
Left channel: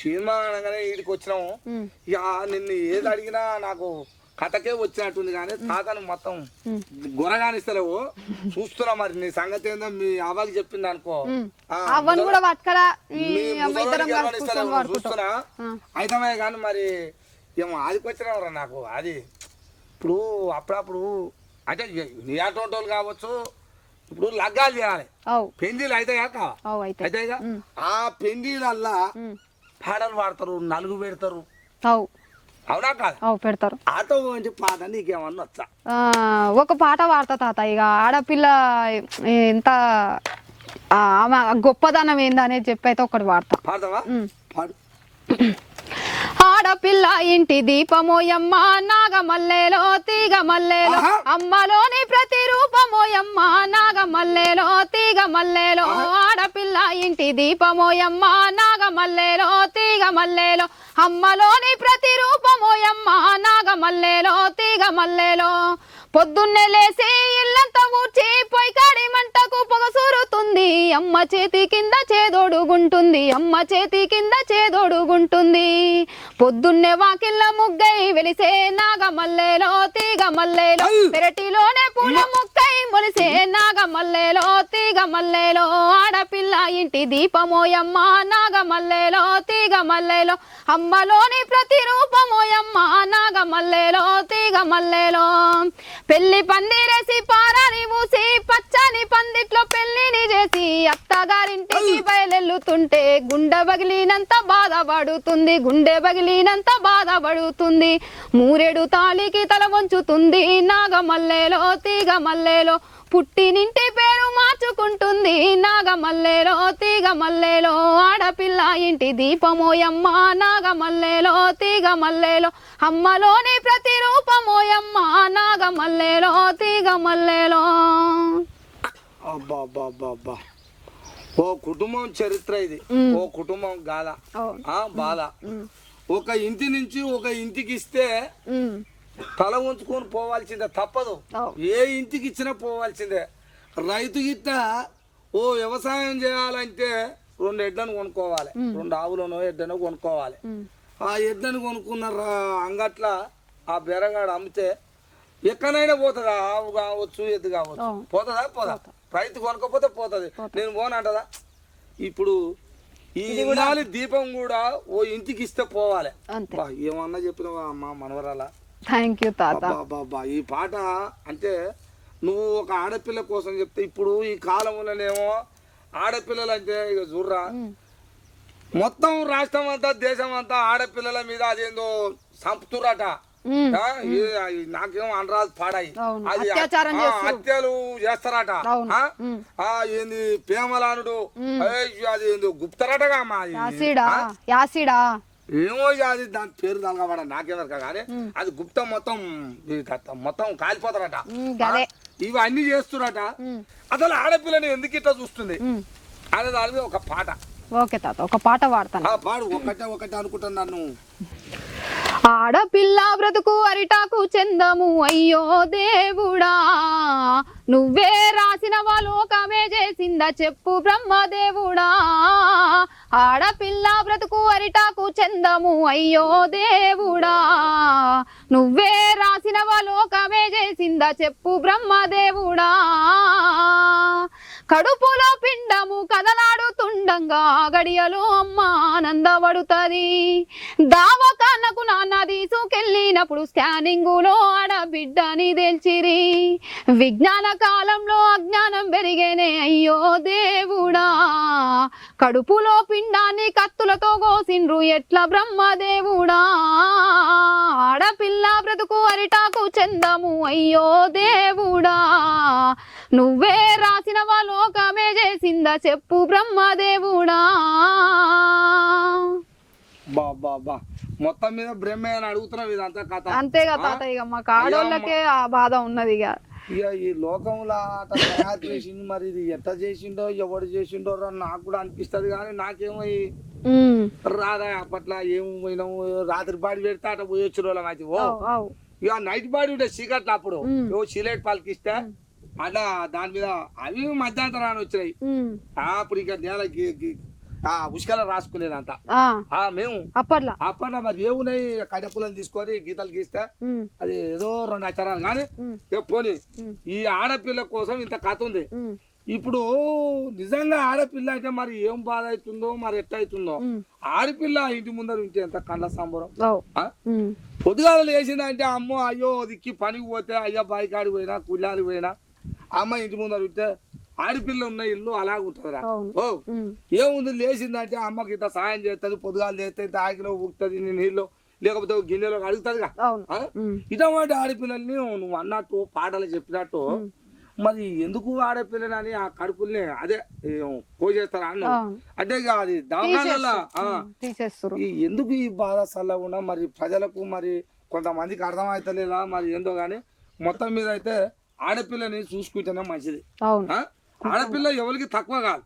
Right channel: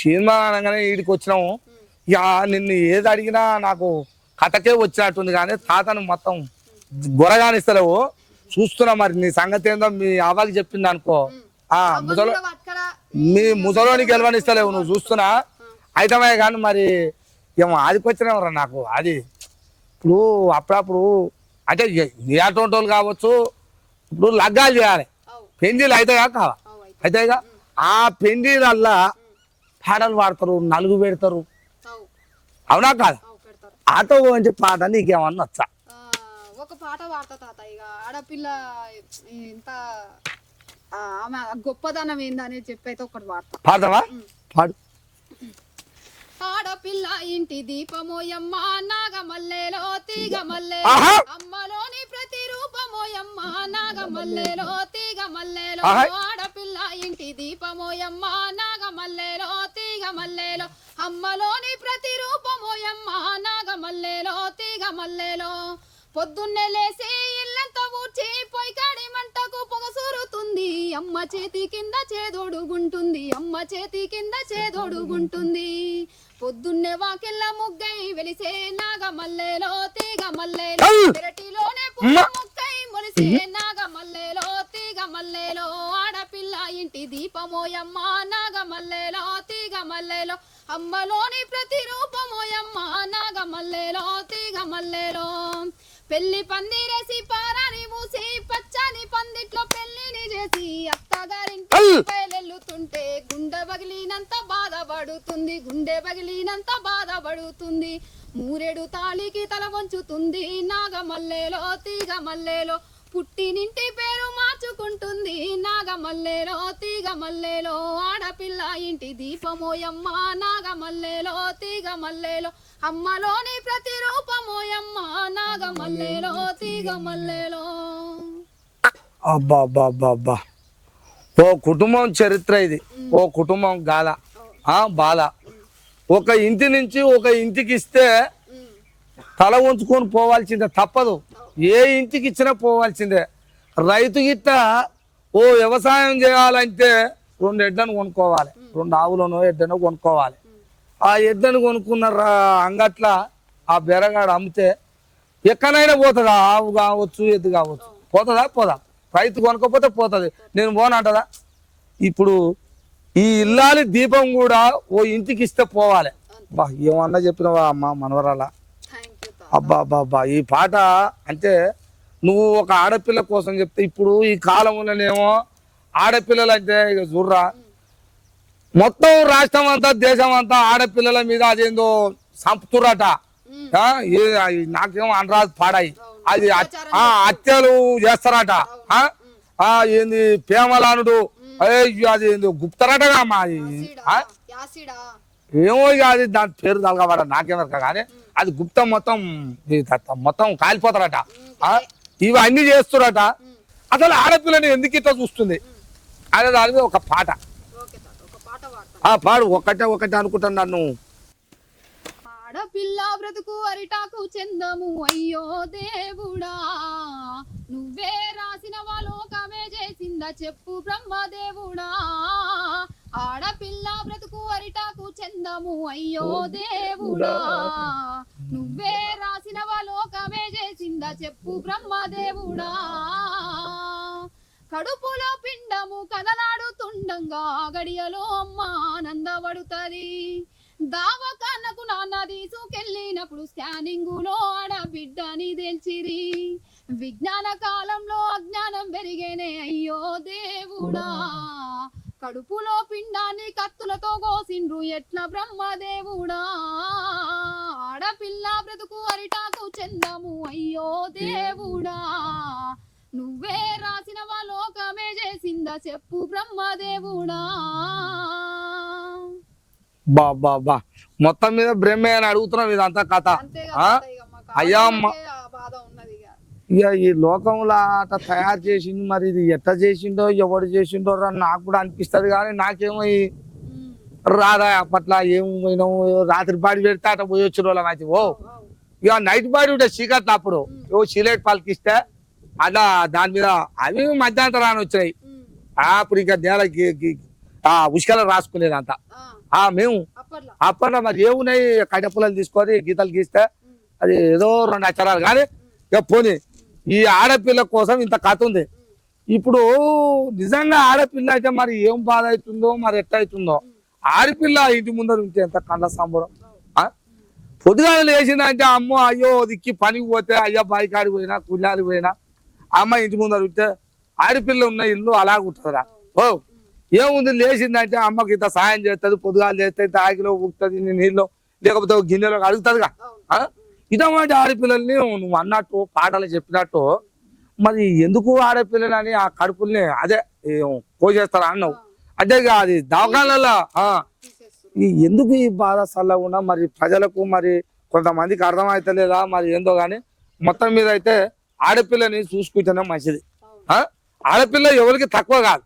సినిమా అనగానే వీడికి వచ్చినాము. ఇక నిన్ను ఏది అడిగినా నాకు కథకే వచ్చినట్టుంది కానీ తాతను మొత్తం గొరగానిస్తలేవు. చూస్తున్నా మరి నీ సంగతి ఏందో మీ అవ్వకి చెప్పింది అనుకో. మీ ముసలోని గెలవనిస్తలేవు నువ్వు చూస్తున్నా అయితమే కానీ మరి ఏమో ఆదికొచ్చినవరా నాకు. అది ఇప్పుడు అప్పుడప్పుడు అంటే నీ అటువంటి వాళ్ళు కావచ్చు. ఇప్పుడు లగ్గాలు చేయాలి, పెండిలు అవుతాయా కావా? అయితేగా ఆ పెండిలల్లా పాటలు పాడతారు, నలుగు పెడతారు. అవునా కాదు? పెడతారు. ఆటో అంటే పాట నీకేమన్నా వచ్చా? ఒక పాట పాడతా తాత. ఇక ఆడపిల్ల ఎంత ఆమె గొప్పదనం ఏందనేది చెప్పి అయితే ఒకటి పాడతా. పాడతావా? పాడు. ఆడపిల్ల ఇంటి దీపమోయమ్మ, నాగమల్లెలో తీగ మల్లెలో, అమ్మలోని ప్రతిరూపమోయమ్మ, నాగమల్లెలో తీగ మల్లెలో. ఆడపిల్ల ఇంటి దీపమోయమ్మ, నాగమల్లెలో తీగ మల్లెలో, అమ్మలోని ప్రతిరూపమోయమ్మ, నాగమల్లెలో తీగ మల్లెలో. పొద్దున్నే లేసి ఇల్లంతా ఊడ్చి పొయ్యికాడి మంటకు పొగసూరుతుంది, అమ్మ చేతి కింద చేదోడుగుంటుంది, అమ్మ చేతి కింద చేదోడుగుంటుంది. పొద్దున్నే వాకిళ్ళ ముగ్గై వెలిసే నాగమల్లెలో తీగ మల్లెలో, పెరటిలోనే పుల్ల ముక్కై మొలిసే నాగమల్లెలో తీగ మల్లెలో. ఆడపిల్ల ఇంటి దీపమోయమ్మ, నాగమల్లెలో తీగ మల్లెలో, అమ్మలోని ప్రతిరూపమోయమ్మ, నాగమల్లెలో తీగ మల్లెలో. పెళ్లి పందిరేసి పారాని మూసి పచ్చని పందిట్లో పెళ్లిని చేసి అత్తగారింటి బయలెల్లుతుంటే గుండె బగిలినంత బాధపడుతుంది, గుండె బగిలినంత బాధపడుతుంది. మూరెడు తాళికి తల వంచుతుంది, నాగమల్లెలో తీగ మల్లెలో. పుట్టినింటి పేరు మార్చుకుంటుంది, నాగమల్లెలో తీగ మల్లెలో. ఆడపిల్ల ఇంటి దీపమోయమ్మ, నాగమల్లెలో తీగ మల్లెలో, అమ్మలోని ప్రతిరూపమోయమ్మ, నాగమల్లెలో తీగ మల్లెలో. అబ్బా ఓ కుటుంబం చరిత్ర ఇది. ఓ కుటుంబం గాల బాల. ఒక ఇంటి నుంచి ఒక ఇంటికి ఇస్తే తల ఉంచుకొని పోవాల్సిందే, తప్పదు. ఏ ఇంటికి ఇచ్చినా పోవాల్సిందే. రైతు గిట్ట ఓ వ్యవసాయం చేయాలంటే 2 ఎడ్లను కొనుక్కోవాలి, 2 ఆవులను ఎడ్డనో కొనుక్కోవాలి. ఆ ఎడ్లను కొనుక్కున్న అంగట్ల ఆ బెరగాడు అమ్మితే ఎక్కడైనా పోతుందా? ఆవు కావచ్చు, ఎద్దు కావచ్చు, పోదా? రైతు కొనుక్కపోతే పోతుంది. నేను పోనంటదా? ఇప్పుడు ఈ ఇల్లాలి దీపం కూడా ఓ ఇంటికి ఇస్తే పోవాలి. ఏమన్నా చెప్పినవా అమ్మ మనవరాల? అబ్బా ఈ పాట అంటే నువ్వు ఒక ఆడపిల్ల కోసం చెప్తే, ఇప్పుడు ఈ కాలంలోనేమో ఆడపిల్లలు అంటే ఇక చూర్రా మొత్తం రాష్ట్రం అంతా దేశం అంతా ఆడపిల్లల మీద అదేందో సంపుతురట. నాకేమో అనరాదు పాడాయి. అది హత్యలు చేస్తారట. ఏంది ప్రేమలానుడు అది ఏందో గుప్తారటగా అమ్మా. ఏమో ఇక అది దాని పేరు తలగబడ నాకేమరక కానీ అది గుప్తం మొత్తం కాలిపోతారట. ఇవన్నీ చేస్తురట. అసలు ఆడపిల్లని ఎందుకు ఇట్లా చూస్తుంది అనే దాని మీద ఒక పాట. ఓకే తాత, ఒక పాట పాడతాను. పాడు. ఒకటే అనుకుంటాను నన్ను. ఆడపిల్ల బ్రతుకు అరిటాకు చందము, అయ్యో దేవుడా నువ్వే రాసిన లోకమే చేసిందా చెప్పు బ్రహ్మదేవుడా. ఆడపిల్ల బ్రతుకు అరిటాకు చందము, అయ్యో దేవుడా నువ్వే రాసిన లోకమే చేసిందా చెప్పు బ్రహ్మదేవుడా. కడుపులో పిండము కదలాడుతుండంగా గడియలో అమ్మ ఆనందపడుతుంది. దావకానకు నాన్న తీసుకెళ్ళినప్పుడు స్కానింగులో ఆడబిడ్డని తెలిచిరి. విజ్ఞాన కాలంలో అజ్ఞానం పెరిగేనే, అయ్యో దేవుడా కడుపులో పిండాన్ని కత్తులతో కోసిండ్రు ఎట్లా బ్రహ్మదేవుడా ఆడపిల్ల బ్రతుకు అరిటాకు చందము అయ్యో దేవుడా నువ్వే రాసినవా లోకమే చేసిందా చెప్పు బ్రహ్మదేవుడా. బా బా బా మొత్తం మీద బ్రహ్మే అని అడుగుతున్నాం ఇదంతా కథ. అంతే కదా ఇక మాకు ఆడవాళ్ళకే ఆ బాధ ఉన్నది. ఇక ఈ లోకంలో అట్లా తయారు చేసింది, మరి ఇది ఎట్లా చేసిండో ఎవడు చేసిండో నాకు కూడా అనిపిస్తుంది. కానీ నాకేమో రాదా అప్పట్లో ఏం పోయినాము రాత్రి పాడి పెడితే అట్లా పోయి వచ్చిన వాళ్ళం అయితే ఓ ఇక నైట్ పాడి ఉంటే చీకట్లు అప్పుడు ఓ చీలేట్ పాలకిస్తే అట్లా దాని మీద అవి మధ్యాహ్నం వచ్చినాయి. అప్పుడు ఇంకా నేలకి ఉష్కలు రాసుకునేదంతా మేము అప్పట్లో మరి ఏమున్నాయి కట్టెపుల్లలు తీసుకొని గీతలు గీస్తే అది ఏదో 2 అక్షరాలు కానీ ఇక పోనీ ఈ ఆడపిల్ల కోసం ఇంత కథ ఉంది. ఇప్పుడు నిజంగా ఆడపిల్ల అయితే మరి ఏం బాధ అవుతుందో మరి ఎట్లా అవుతుందో. ఆడపిల్ల ఇంటి ముందర ఉంటే ఎంత కండ్ల సంబరం. పొద్దుగా లేచిందంటే అమ్మో అయ్యో దిక్కి పనికి పోతే అయ్యో బాయికాడికి పోయినా కుళ్ళాలి పోయినా అమ్మ ఇంటి ముందర ఉంటే ఆడపిల్ల ఉన్న ఇల్లు అలాగ ఉంటుందా. ఓ ఏముంది లేచిందంటే అమ్మకి ఇంత సాయం చేస్తుంది, పొద్దుగాలు చేస్తే ఇంత ఆగిలో ఊపుతుంది నీళ్ళు లేకపోతే గిన్నెలో అడుగుతుందిగా. ఇటువంటి ఆడపిల్లల్ని నువ్వు అన్నట్టు పాటలు చెప్పినట్టు మరి ఎందుకు ఆడపిల్లలని ఆ కడుపుల్ని అదే కోసేస్తారా అన్నావు. అంటే అది దవాఖానాలలో ఎందుకు ఈ బాధ చల్లకుండా మరి ప్రజలకు మరి కొంతమందికి అర్థమైతలేదా మరి ఏందో గాని మొత్తం మీద అయితే ఆడపిల్లని చూసుకుంటేనే మంచిది. ఆడపిల్ల ఎవరికి తక్కువ కాదు.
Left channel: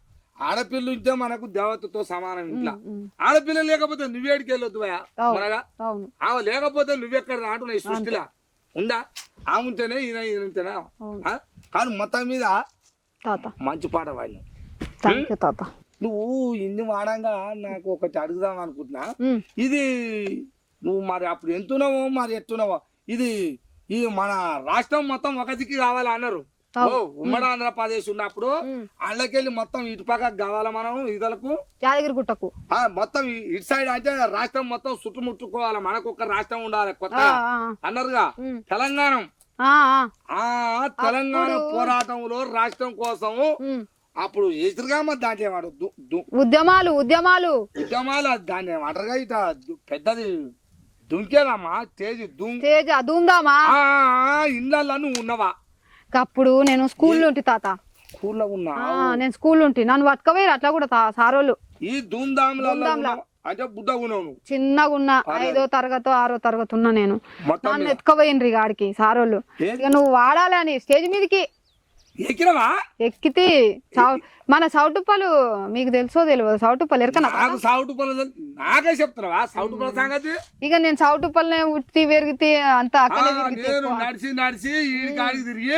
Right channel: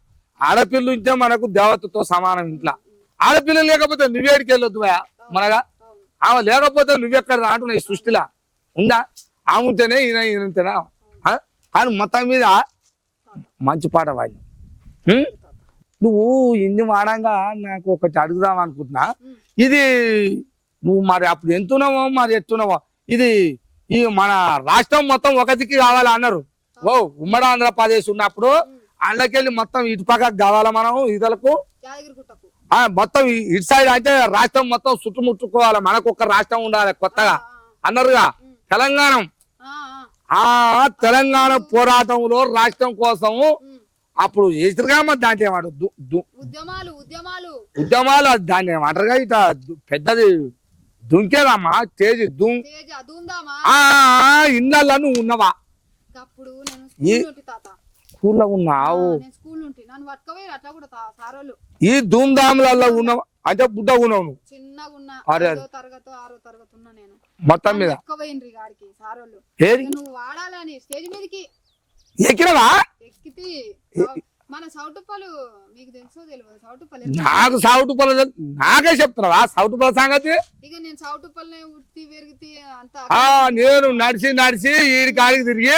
ఆడపిల్ల ఉంటే మనకు దేవతతో సమానం. ఇంట్లో ఆడపిల్ల లేకపోతే నువ్వేడికి వెళ్ళొద్దు మనగా. ఆమె లేకపోతే నువ్వెక్కడ రాంటున్నా ఈ సృష్టిలా ఉందా. ఆమె ఉంటేనే ఈయనంతేనా. కానీ మొత్తం మీద మంచి పాట వాడిన. నువ్వు ఇన్ని వాడంగా నాకు ఒకటి అడుగుదాం అనుకుంటున్నా. ఇది నువ్వు మరి అప్పుడు ఎంతున్నావో మరి ఎత్తున్నావో ఇది ఈ మన రాష్ట్రం మొత్తం ఒకటికి కావాలా అన్నారు. ఓ ఉమ్మడి ఆంధ్రప్రదేశ్ ఉన్నప్పుడు అందుకెళ్ళి మొత్తం ఇటు పక్కకు కావాలా మనం ఇదలకు యాదగిరిగుట్టకు మొత్తం ఇటు సైడ్ అయితే రాష్ట్రం మొత్తం చుట్టుముట్టుకోవాలి మనకు ఒక రాష్ట్రం ఉండాలి కొత్తగా అన్నారుగా. తెలంగాణ పోరాటంలో రాష్ట్రం కోసం అప్పుడు ఎదురుగా దాంట్లో ఏమాడు ఉద్యమాలు దాన్ని ఏమంటారుగా ఇట పెద్దది దుంకేదమ్మా తేజ్ దుందామా ఇన్నల్లా నువ్వు ఉన్నవా. అప్పుడు నేను స్కూల్ ఉంటి తాత. స్కూల్లో ఉన్నావు? నేను స్కూల్ ఉంటి నన్ను పట్టుకపోయారు అట్లా కూడా సారోళ్ళు. ఈ ధూమ్ధాములలో ఉన్నావు అంటే బుడ్డగా ఉన్నావు? చిన్నగా ఉన్నా 5వ తరగతి 6వ తరగతి ఉన్నా నేను. ఎత్తుకపోయినరి గాడికి సారోళ్ళు నువ్వు వాడాలని స్టేజ్ మీదకి ఎక్కినవా? ఎక్కితే మన సౌటుప్పలు మీకు తెలుసో తెలియదు. సౌటుప్పలు నాకు సౌటుప్పలు నాకే చెప్తున్నావా సౌటుప్పల సంగతి? ఇక నేను సౌటుప్పలనే ఉట్టి పెరిగితే అంత నేను నడిచి ఈడి కాడికి తిరిగి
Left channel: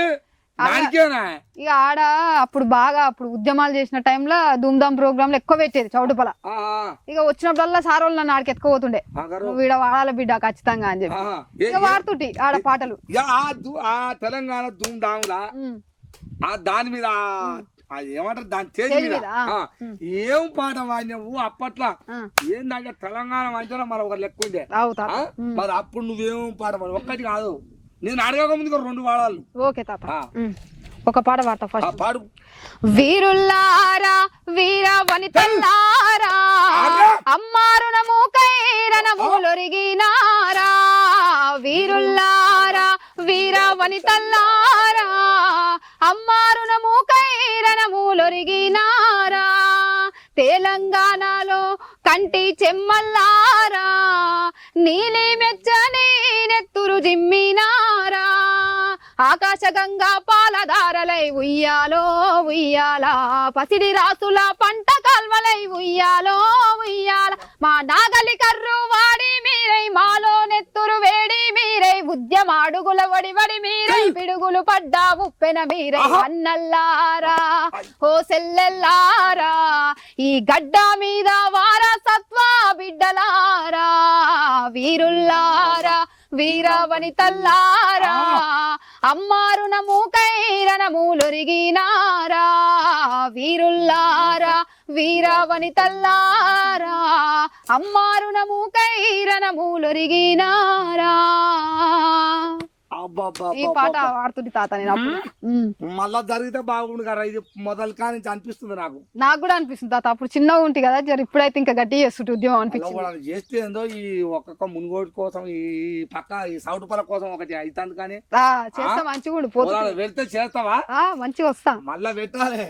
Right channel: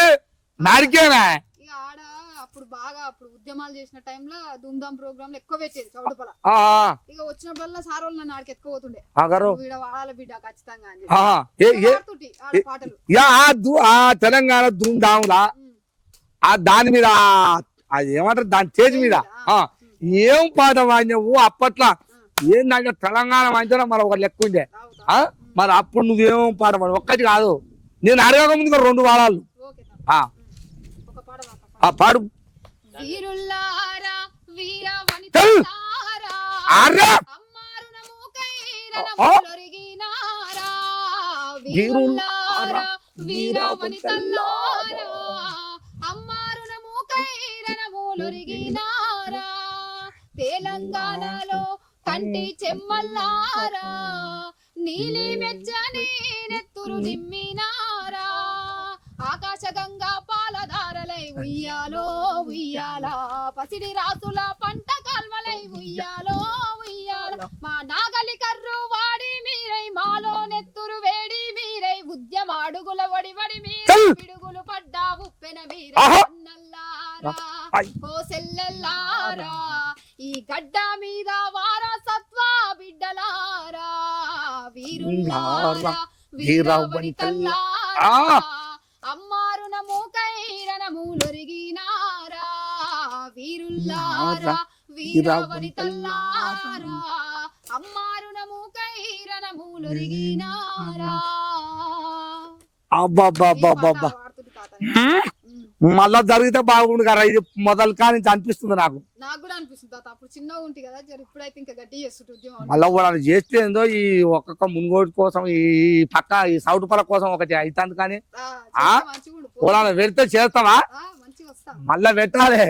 ఇక ఆడ అప్పుడు బాగా అప్పుడు ఉద్యమాలు చేసిన టైంలో ధూమ్ధామ్ ప్రోగ్రాంలు ఎక్కువ పెట్టేది చౌటుపల. ఇక వచ్చినప్పుడల్లా సార్ వాళ్ళు నన్ను ఆడికి ఎత్తుకోబోతుండే. వీడ వాడాల బిడ్డ ఖచ్చితంగా అని చెప్పి వాడుతుంటి ఆడ పాటలు. తెలంగాణ ధూమ్ధాములా దాని మీద అది ఏమంటారు దాని తేజ్ మీద ఏం పాట వాడినవు అప్పట్లో? ఏంటంటే తెలంగాణ వాయించడం మన ఒక లెక్క ఉండే. మరి అప్పుడు నువ్వేం పాట వాడు ఒక్కటి కాదు. నేను అడగక ముందు 2 వాడాలు. ఓకే తాత ఒక పాట పాడతా ఫస్ట్. పాడు. వీరుల్లారా వీర వనితల్లారా అమ్మారునము కైరనములొరిగినారా. వీరుల్లారా వీర వనితల్లారా అమ్మారునము కైరనములొరిగినారా. తెలంగాణలో కంటి చెమ్మల్లారా నీలి మెచ్చని నెత్తురు జిమ్మినారా. ఆకాశ గంగా పాలధారలై ఉయ్యాలో ఉయ్యాల పసిడి రాసుల పంట కాల్వలై ఉయ్యాలో ఉయ్యాల. మా నాగలి కర్రు వాడి మీరై మాలో నెత్తురు వేడి మీరై ఉద్యమాడుగుల వడి వడి మీరై పిడుగులు పడ్డా ఉప్పెన మీరై అన్నల్లారా ఓ సెల్లెల్లారా ఈ గడ్డ మీద వారసత్వ బిడ్డలారా. వీరుల్లారా వీరవనితల్లారా అమ్మారునము కైరనములొరిగినారా. వీరుల్లారా వీరవనితల్లారా అమ్మారునము కైరనములొరిగినారా. ఈ పాట వాడుతుంది తాత నేను అప్పుడు. మళ్ళా జరిగితే బాగుండు కదా, ఇది మొదలు కానీ అనిపిస్తుంది నాకు కూడా అనిపిస్తుంది తాత. అప్పుడు చిన్నగా ఉంటుంది కదా జర, ఇప్పుడైతే ఇంకా గట్టి చేస్తుంటే ఉద్యమం మళ్ళీ వాళ్ళు చేస్తే ఏందో ఈ ఒక్కొక్క మునుగోడు కోసం ఈ పక్క ఈ సౌటు పల కోసం ఒకటి అవుతుంది కానీ మంచిగా పెడితే చేస్తావా మంచిగా వస్తా. మళ్ళా పెట్టాలి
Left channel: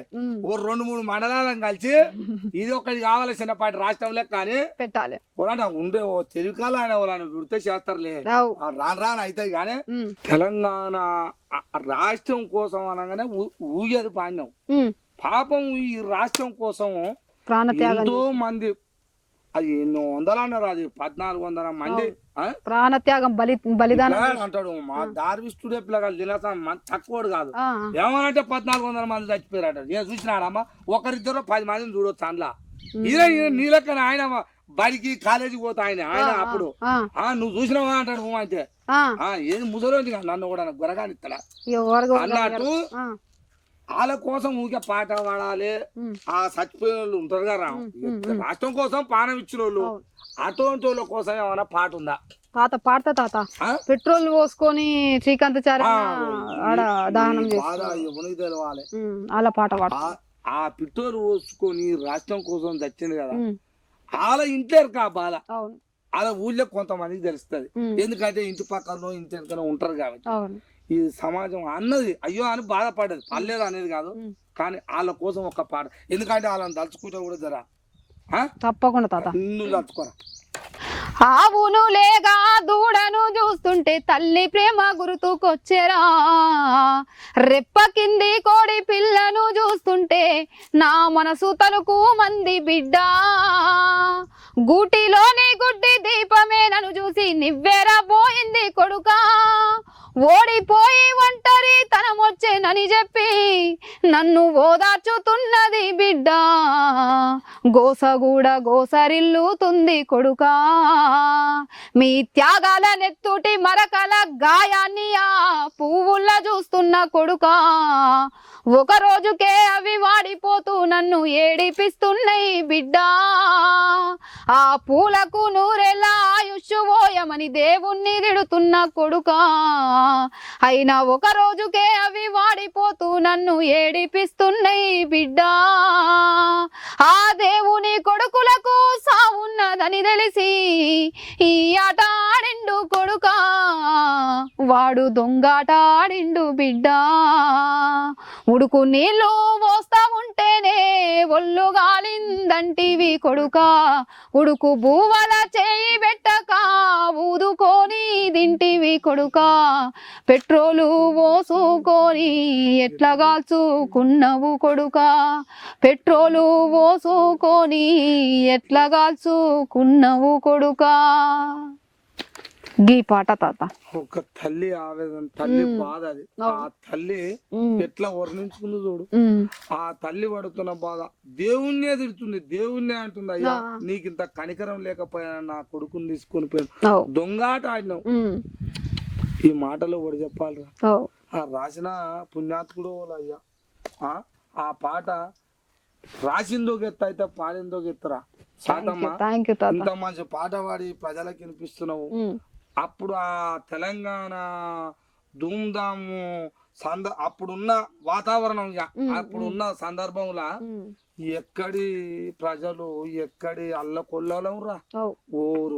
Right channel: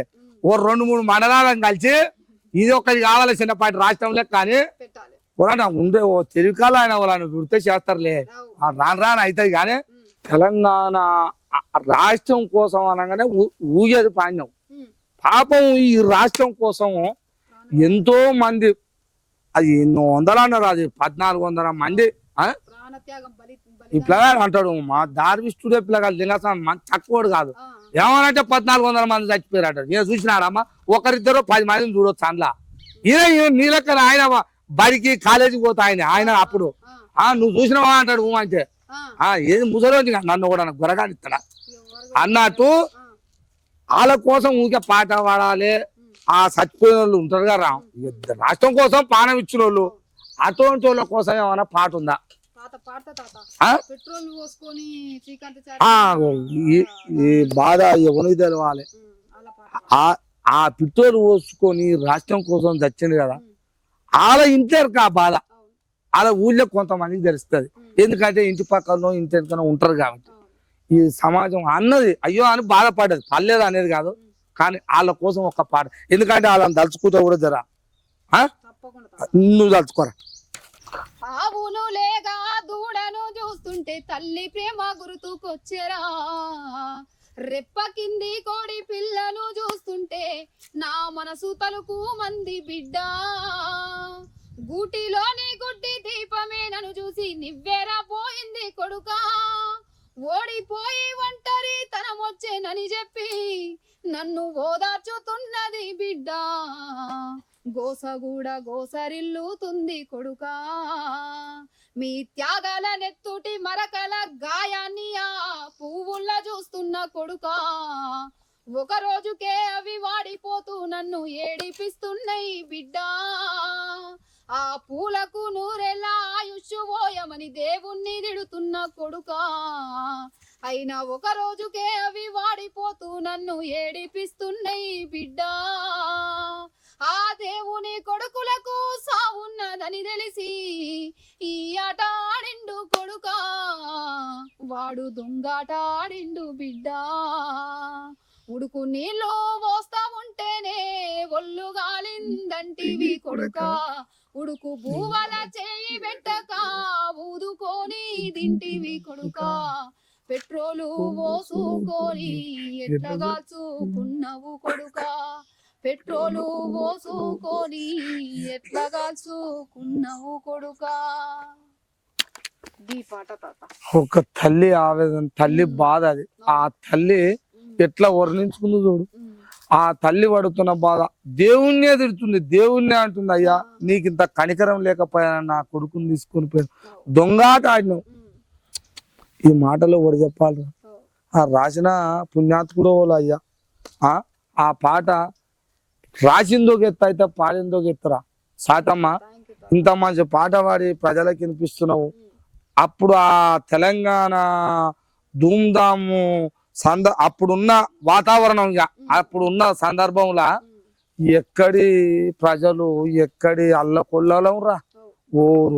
ఓ 2-3 మండలాలను కలిసి ఇది ఒకటి కావాలి చిన్నపాటి రాష్ట్రంలో కానీ పెట్టాలి. ఉండే ఓ తెలివికాలు ఆయన వాళ్ళని వృత్తి చేస్తారులే, రాను అవుతుంది కానీ తెలంగాణ రాష్ట్రం కోసం అనగానే ఊగేది పాండ్యం. పాపం ఈ రాష్ట్రం కోసం ఎంతో మంది, అది ఎన్నో వందలు అన్నారు, అది 1400 మంది ప్రాణత్యాగం బలిదానం అంటాడు. మా దార్విష్ఠుడే పిల్లగాలు తినసం తక్కువడు కాదు. ఏమనంటే 1400 మంది చచ్చిపోయారట. నేను చూసినారమ్మా, ఒకరిద్దరు 10 మందిని చూడొచ్చు అందులో. ఇదే నీ లెక్కన ఆయన బడికి కాలేజీకి పోతా ఆయన అప్పుడు నువ్వు చూసినావా అంటాడు. అంటే ఏది ముసలి నన్ను కూడా గొరగానిస్తాడా అన్నట్టు వాళ్ళ కోసం ఊరికే పాట పాడాలి. ఆ చచ్చిపోయిన వాళ్ళు ఉంటారు కదా, రాష్ట్రం కోసం ప్రాణం ఇచ్చిన వాళ్ళు, అటువంటి వాళ్ళ కోసం ఏమైనా పాట ఉందా తాత? పాడతా తాత. పెట్రోల్ పోసుకొని శ్రీకాంత్ బాధ ఎవరికి తెలవాలి. అలా పాట ఆ పెట్రోల్ పోసుకొని రాష్ట్రం కోసం చచ్చింది కదా, వాళ్ళ ఇంటారు కా బాధ. వాళ్ళ ఊళ్ళో కొంతమందికి తెలుస్తుంది, ఎందుకంటే ఇంటి పక్కన ఇంటి వెనకనే ఉంటారు కాబట్టి. ఈ సమాజం అన్నది అయ్యో అని బాధపడేది, పర్లేదు అనేది కాదు, కానీ వాళ్ళ కోసం ఒక పాట. ఎందుకంటే వాళ్ళని తలుచుకుంటే కూడా జరా తప్పకుండా తాత నువ్వు తలుచుకోరా. ఆవును లేగా దూడను చూస్తుంటే తల్లి ప్రేమ గుర్తుకొచ్చేరా, రెప్ప కింది కోడి పిల్లను చూస్తుంటే నా మనసు తలుకు మంది బిడ్డ, గూటిలోని గుడ్డి దీపమే నన్ను చూసి నివ్వెరా పోయింది కొడుకా, ఓడిపోయి ఒంటరి తనమొచ్చేనని చెప్పి నన్ను ఓదార్చుతున్నది బిడ్డ, గోసగూడ గోసరిల్లుతుంది కొడుకా, మీ త్యాగాల నెత్తుటి మరకల గాయాన్ని ఆ పువ్వుల్లా చూస్తున్న కొడుకా, ఒక రోజుకే అవి వాడిపోతూ నన్ను ఏడిపిస్తున్నాయి బిడ్డ, ఆ పూలకు నూరెళ్ళ ఆయుష్ పోయమని దేవుణ్ణి తిడుతున్న కొడుకా, అయినా ఒక రోజుకే అవి వాడిపోతూ నన్ను ఏడిపిస్తున్నాయి బిడ్డ, ఆ దేవుని కొడుకులకు సావున్నదని తెలిసి ఈ ఆట ఆడిండు కొడుకా, వాడు దొంగాట ఆడిండు బిడ్డ, ఉడుకు నీళ్ళు మోస్తా ఉంటేనే ఒళ్ళు గాలిందంటివి కొడుకా, ఉడుకు బూవల చేయి పెట్టక ఊదుకొని దింటివి కొడుకా, పెట్రోలు పోసుకొని ఎట్లా కాల్చుకున్నవు కొడుకా, పెట్రోలు పోసుకొని ఎట్లా కాల్చుకున్నవు కొడుకా. గీ పాట తాత ఒక తల్లి ఆవేదన, తల్లి బాధ, అది ఆ తల్లి ఎట్లా వర్ణించుకుంది చూడు. ఆ తల్లి పడుతున్న బాధ దేవుణ్ణే తిడుతుంది, దేవుణ్ణే అంటుంది, అయ్యా నీకు ఇంత కనికరం లేకపోయా నా కొడుకుని తీసుకొని పోయాను, దొంగాట ఆడినావు. ఈ మాటలో ఒకటి చెప్పాలి, ఆ రాసిన పుణ్యాత్ముడు వాళ్ళు అయ్యా. ఆ పాట రాసిందో గెత్త అయితే పాడిందో గెత్తరా సాతమ్మ. ఇంత మంచి పాట పాడి ప్రజలకు వినిపిస్తున్నావు. అప్పుడు ఆ తెలంగాణ ధూమ్ధాము అప్పుడున్న వాతావరణం, అప్పుడున్న సందర్భంలో ఎక్కడి ప్రజలు ఎక్కడి అల్లకొల్లం రా,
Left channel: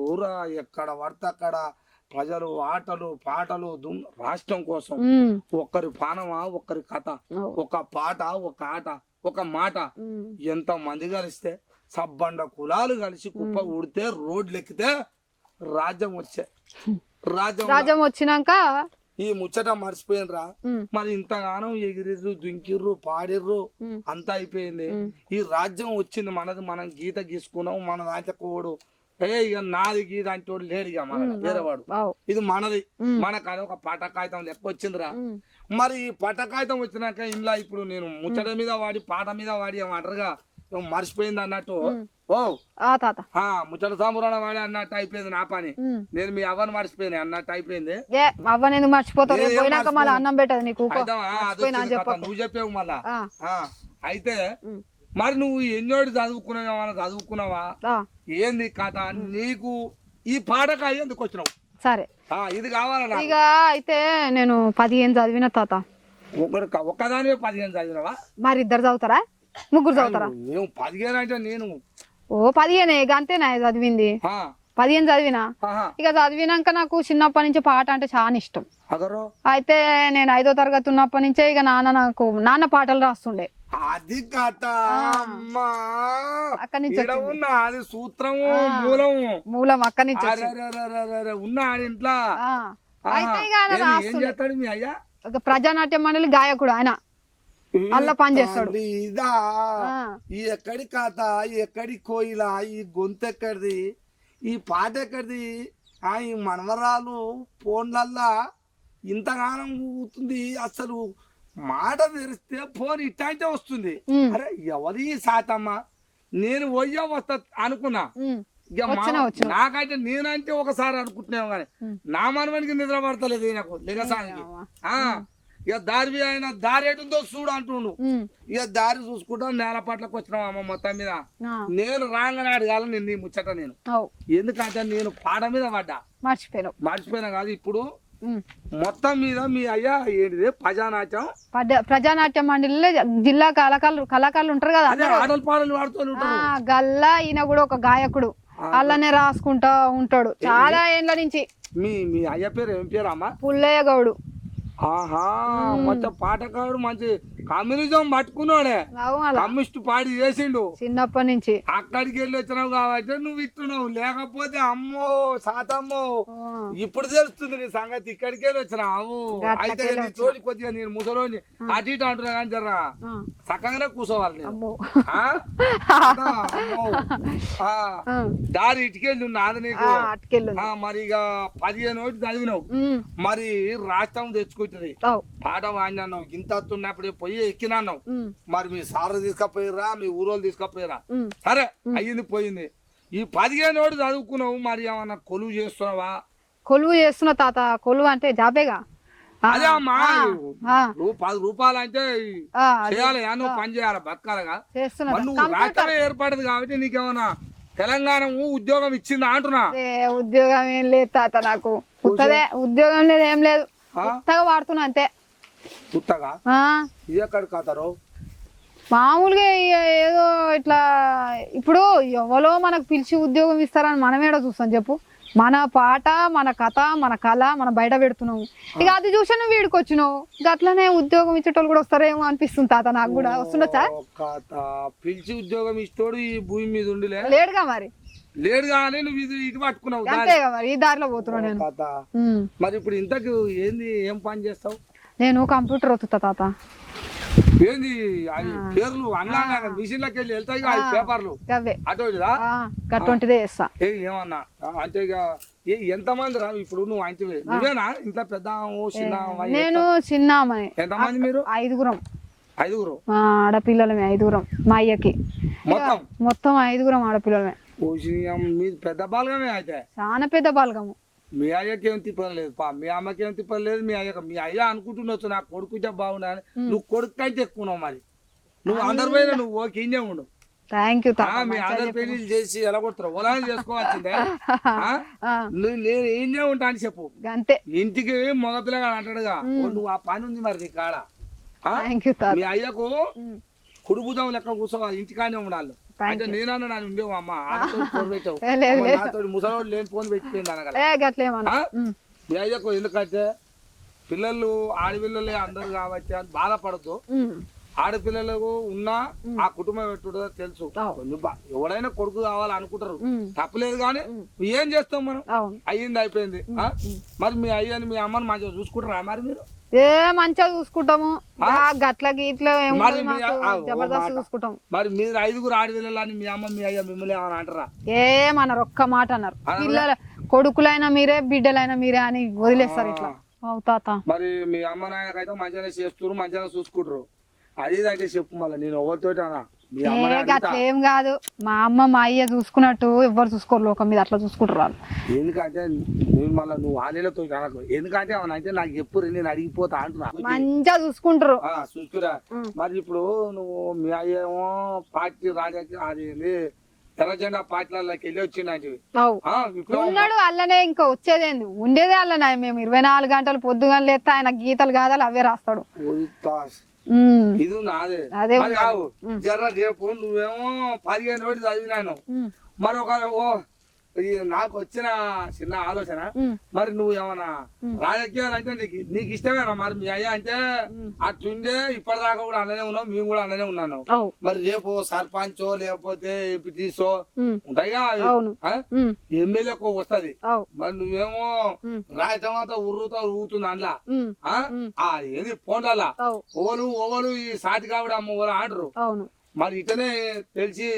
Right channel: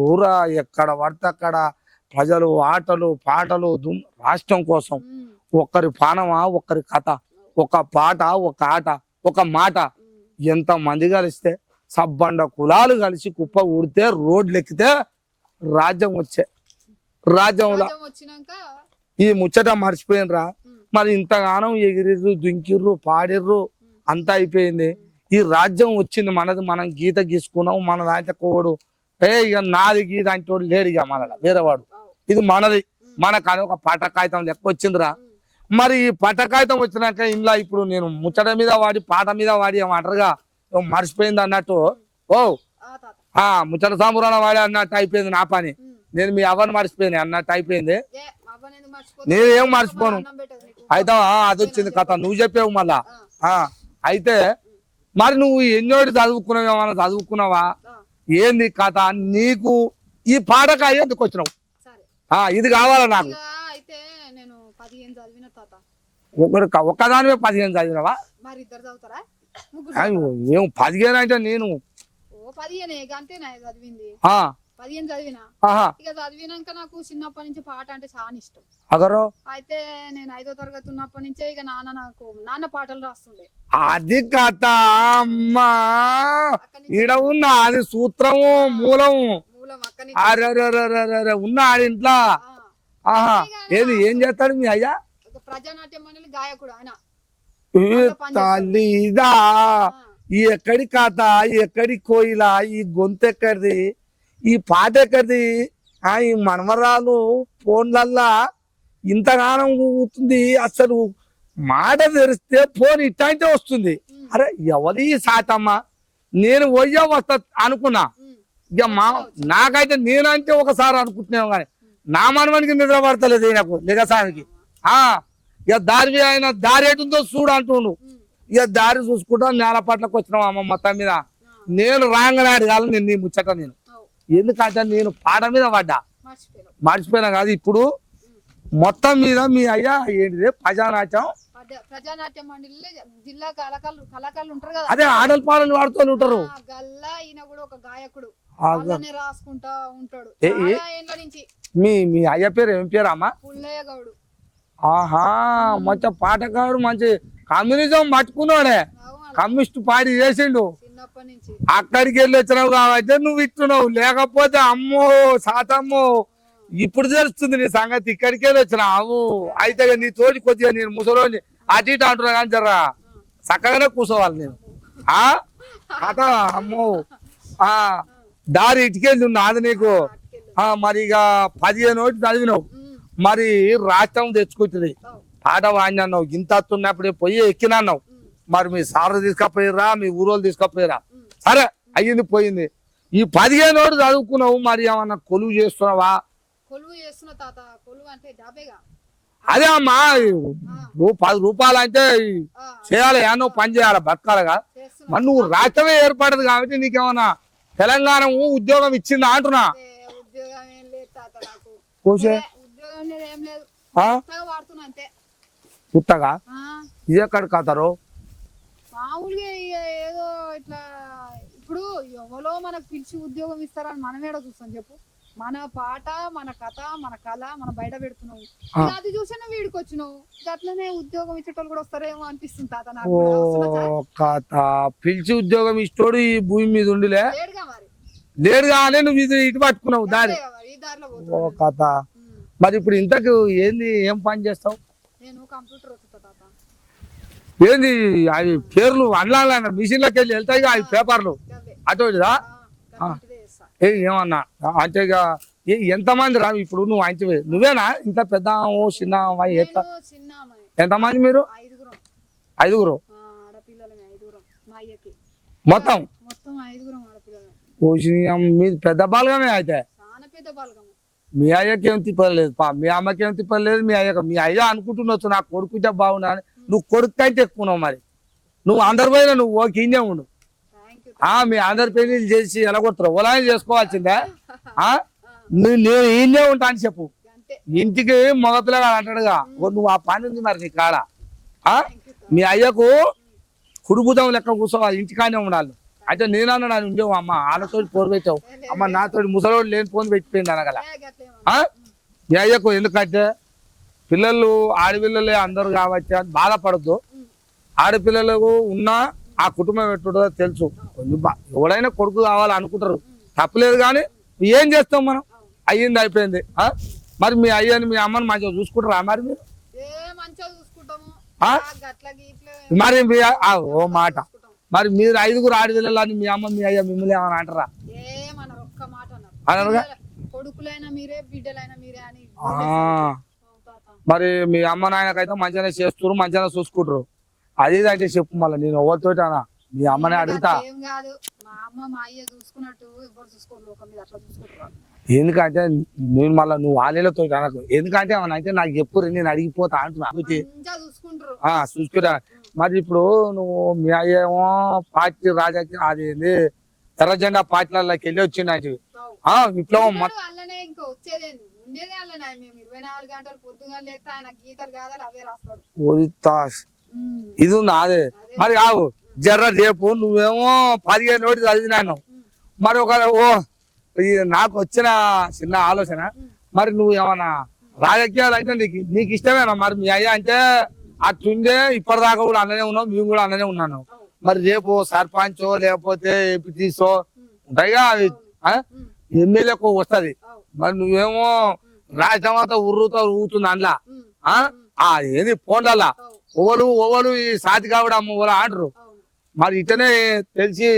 ఊరా ఎక్కడ పడితే అక్కడ ప్రజలు ఆటలు పాటలు రాష్ట్రం కోసం. ఒక్కరి పానమా, ఒక్కరి కథ, ఒక పాట, ఒక ఆట, ఒక మాట. ఎంత మంది కలిస్తే సబ్బండ కులాలు కలిసి కుప్ప ఊడితే రోడ్లు ఎక్కితే రాజ్యం రాజ్యం వచ్చినాక ఈ ముచ్చట మర్చిపోయినరా. మరి ఇంతగానం ఎగిరిర్రు, దుంకిర్రు, పాడిర్రు, అంతా అయిపోయింది. ఈ రాజ్యం వచ్చింది మనది, మనం గీత గీసుకున్నాం, మన దాంట్లో కోడు ఇక నాది గీత అంటే లేడు, ఇక మన వేరేవాడు, ఇది మనది, మనకు అని ఒక పటకాయితం లెక్క వచ్చిందిరా. మరి ఈ పటకాయితం వచ్చినాక ఇంట్లో ఇప్పుడు నేను ముచ్చట మీద వాడి పాట మీద వాడి ఏమంటారుగా మర్చిపోయింది అన్నట్టు, ఓ ముచ్చట సాంబురాన వాడి అన్నట్టు అయిపోయింది నా పని. నేను మీ అవ్వని మర్చిపోయింది అన్నట్టు అయిపోయింది. అయితే అది వచ్చింది కథ, నువ్వు చెప్పావు మళ్ళా. అయితే మరి నువ్వు ఎన్నోటి చదువుకున్నావు, ఏమన్నా చదువుకున్నావా, ఏంది కథ? నీకు ఈ పాటకాయ ఎందుకు వచ్చినావు? సరే ఇది కావాలా నాకు. ఇక అయితే నేను 15 చదివిన తాత. ఒక్కదానివే 15 చదివినవా? మరి ఇద్దరు చదువుతారా, ముగ్గురు చదువుతారా? ఏం 15 అంటే నేను 15 అంతేనా చదివింది? 15 చదివినా. ఇక చదివినాక నాకు చిన్నప్పటి నుంచి పాట అంటే చాలా ఇష్టం. అయితే నేను 5వ తరగతి ఉన్నప్పటి నుంచే ఇక నాన్న పాటలు రాస్తుండే. అది కథ అమ్మా. అక్కడి నుంచి ఉన్న అది సూత్రము మూలం అక్కడి నుంచి ఉన్న ఆడి ఇంట్లో. ఏం చేస్తాడు మీ అయ్యా? ఒక ప్రజానాట్య మండలి గాయకుడు ఆయన. ఇదా ఈ ఎక్కడి కథ, ఎక్కడి కోయిలా, ఈ గొంతు ఎక్కడిది, ఈ పాట ఎక్కడిది? ఈ మనమరాలు ఫోన్లల్లా ఇంతగానం ఊగుతుంది, అసలు మాట తెరిస్తే ఫోన్ ఇట్టాంటే వస్తుంది. అరే ఎవరి సాటమ్మా, నేను పోయా వస్తా అనుకున్నా. ఇక నాకైతే నేనంటే ఒకసారి అనుకుంటున్నావు కానీ నా మనవానికి నిద్ర పడతలేదు నాకు లిగసానికి. ఇక దారి ఆయన దారి ఎటుందో చూడు అంటుండు. ఇక దారి చూసుకుంటా నేల పట్లకు వచ్చినావు అమ్మ మొత్తం మీద. నేను రాంగనాడు కాదు నేను నీ ముచ్చట. నేను ఎందుకంటే నేను పాట మీద పడ్డా, మర్చిపోయినా కాదు. ఇప్పుడు మొత్తం మీద మీ అయ్యా ఏంటిది ప్రజానాట్య మండలిలో జిల్లా కళాకారులు ఉంటారు కదా, అదే ఆడల పాటలు పాడుతూ ఉంటారు. గల్లా ఈయన కూడా ఒక గాయకుడు, వాళ్ళనే రాసుకుంటా ఉంటాడు చాలా ఏళ్ళ నుంచి. మీ అయ్య పేరు ఏం పేరు అమ్మా? పుల్లయ్య గౌడు. మంచి పాటగాడు, మంచి కమ్యూనిజం పట్టుకున్నాడే, కమ్యూనిస్ట్ పార్టీ చేసిండు చిన్నప్పటి నుంచి. అక్కడికి వెళ్ళి వచ్చినావు కాబట్టి నువ్వు ఇట్టున్నావు, లేకపోతే అమ్మో సాతమ్మో ఇప్పుడు తెలుస్తుంది నీ సంగతి. ఇక్కడికి వెళ్ళి వచ్చినావు. అయితే నీ తోటి కొద్దిగా నేను ముసలోని అటు ఇటు అంటున్నా కానీ జరా చక్కగానే కూర్చోవాలి నేను. అమ్మో దారి ఇటుకెళ్ళి నాది నీకు. మరి ఇక 15 ఒకటి చదివినావు, మరి రాష్ట్రం తెచ్చుకుంటుంది. పాట వాడినావు, ఇంత ఉన్నప్పుడే పోయి ఎక్కినావు. మరి మీ సార్లు తీసుకపోయిరా, మీ ఊరోళ్ళు తీసుకపోయిరా, సరే అయ్యింది పోయింది. ఈ 15 ఒకటి చదువుకున్నావు, మరి ఏమన్నా కొలువు చేస్తున్నావా? కొలువు చేస్తున్నా తాత. కొలువు అంటే జాబేగా. అదే అమ్మా, 10 రూపాయలు అంటే చేయాలి, నువ్వు పని చేయాలి, బతకాలిగా. మరి నువ్వు రాష్ట్రమే ఏర్పడదు కాబట్టి నీకేమన్నా తెలంగాణ ఉద్యోగం ఇచ్చిందా అంటున్నా? ఉద్యోగం ఏం లేదు తాత, నాకు ఉద్యోగం లేదు, ఏం లేదు, వాడుతున్నా అంతే. పుట్టగా ఇది ఎక్కడ కాతారు? మామూలుగా ఏదో ఇట్లా. ఇప్పుడు ఎవరో మనకు పిలిచి ఉద్యోగం ఇస్తారని మనం ఏడో చూస్తాం చెప్పు. మన పాట, మన కథ, మన కళ మనం బయట పెడుతున్నావు. ఇక అది చూసి నువ్వు వీడికి వచ్చినావు, అట్లనే ఉద్యోగం ఇచ్చేటోళ్ళు కూడా వస్తారేమో అనిపిస్తుంది తాత. నాకు కూడా వస్తుందా? పిలిచి ఉద్యోగం ఇష్టోడు ఈ భూమి మీద ఉండిలే లేడుగా. మరి లేడుగా అనే నువ్వు ఇటు పట్టుకున్నావు, ఈ దారిలో పోతున్నావు. మరి ఇప్పుడు ఇంతకు ఏంది, ఏం పని చేస్తావు? నేను కంప్యూటర్ వస్తుతా తాత. ఏంది అవి పేర్లు అన్నాల మిషన్లోకి వెళ్ళి వెళ్తాయి పేపర్లు అటువంటిదే చేస్తా. ఏమన్నా అంటే ఎంతమంది రా ఇప్పుడు? నువ్వు అంటే నువ్వేనా ఇంత పెద్ద చిన్న? నేను చిన్న అమ్మాయి. ఎంతమంది మీరు? 5గురం. 5గురు ఆడపిల్లలమే, 5గురం. మా అయ్యకి మొత్తం 5గురం ఆడపిల్లలమే. మీది పెద్ద బాలగమే అయితే? చాలా పెద్ద బాలగము. మీ అయ్యకి ఏం తిప్పలేదు, మీ అమ్మకి ఏం తిప్పలేదు. మీ అయ్య అనుకుంటున్నావు నా కొడుకుంటే బాగున్నా. నువ్వు కొడుకు కంటే ఎక్కున్నావు. మరి నువ్వు అందరి పైన నువ్వు ఓకే ఇన్నే ఉండు. మీ అందరి పెళ్లి చేసి ఎలా కొడతారు? ఓలా చేసుకోవాల్సిందే. నేను ఇన్నే ఉంటా అని చెప్పు. ఇంటికి మగపిల్లగా అంటాడుగా, నువ్వు ఆ పని ఉంది మరి నీ కాడ. మీ అయ్యకు కుడుబుదం లెక్క కూర్చోవాలి, ఇంటికానే ఉండాలి. అయితే నేనన్నా ఉండేవు అమ్మ, ఆడతో పోరు పెట్టావు అమ్మ, నాతో ముసలోడు లేని ఫోన్ పెట్టిపోయింది అనగల. మీ అయ్యకు ఎందుకంటే పిల్లలు ఆడపిల్లలే అందరు కాబట్టి బాధపడద్దు. ఆడపిల్లలకు ఉన్నా ఆ కుటుంబం ఎట్టుడో తెలుసు. ఎవడైనా కొడుకు కావాలి అనుకుంటారు, తప్పలేదు. కానీ ఏం చేస్తాం మనం, అయ్యింది అయిపోయింది. మరి మీ అయ్యని మీ అమ్మని మంచిగా చూసుకుంటారా? మరి మీరు మంచిగా చూసుకుంటాము. మరి మరి మీరు 5గురు ఆడపిల్లలని మీ అమ్మ మీ అయ్య మిమ్మల్ని ఏమని అంటారా? ఏమన్నారు, ఒక్క మాట అన్నారు. కొడుకులైనా మీరే, బిడ్డలైనా మీరే అని వదిలేస్తారు. మరి మీ అమ్మ నాయనకైతే మంచిగానే చేస్తున్నారు, మంచిగానే చూసుకుంటారు. అది అంటే చెప్పు మళ్ళీ, నేను ఎవరితో మీ అమ్మనే అడుగుతా. ఏం కాదు, మా అమ్మ మా అయ్య చూసుకున్నట్టు ఎవరు చూసుకోరు లోకం మీద, అట్లా చూసుకుంటారు. ఎందుకంటే నేను మళ్ళీ నువ్వు వాళ్ళతో అనకు, ఎందుకంటే అయితే నాకు చెప్పు, నేను అడిగిపోతా అంటున్నా. మంచిగా చూసుకుంటారు. చూసుకురా. మరి ఇప్పుడు నువ్వు మీ అయ్యేమో పార్టీ రాజకీయ అది ఎర్ర జెండా పార్టీలకి వెళ్ళి వచ్చిందంటివి అవు. విప్లవం ఉన్నాడు అల్లనే ఇంకా వచ్చేదేంది ఉండేదే అల్లనే మేము 24 గంటలు పొద్దుగా లేస్తే ఆయన గీతలు కాదాలు అవే రాస్తాడు. ఇది నాదే అదే మరి కావు జర్ర రేపు నువ్వేమో 15 రోజులు చదివినాను మరి ఒక నాకు వచ్చిన చిన్న ఆలోచన మరి నువ్వు ఏమన్నా రాజకీయాలు అంటే నీకు ఇష్టమేనా మరి మీ అయ్యా అంటే అట్లుండే ఇప్పటిదాకా కూడా అలానే ఉన్నావు మేము కూడా అలానే ఉన్నాను మరి రేపు సర్పంచో లేకపోతే ఎంపీటీసో ఉంటాయిగా ఎమ్మెల్యేకు వస్తది మరి నువ్వేమో రాజధాని అంతా ఊరుతుంది అందులో ఏది పోండల్లా ఓవలు ఈ సాతి కావడం ఓవలు ఆడరు మరి ఇటనే తెలిసి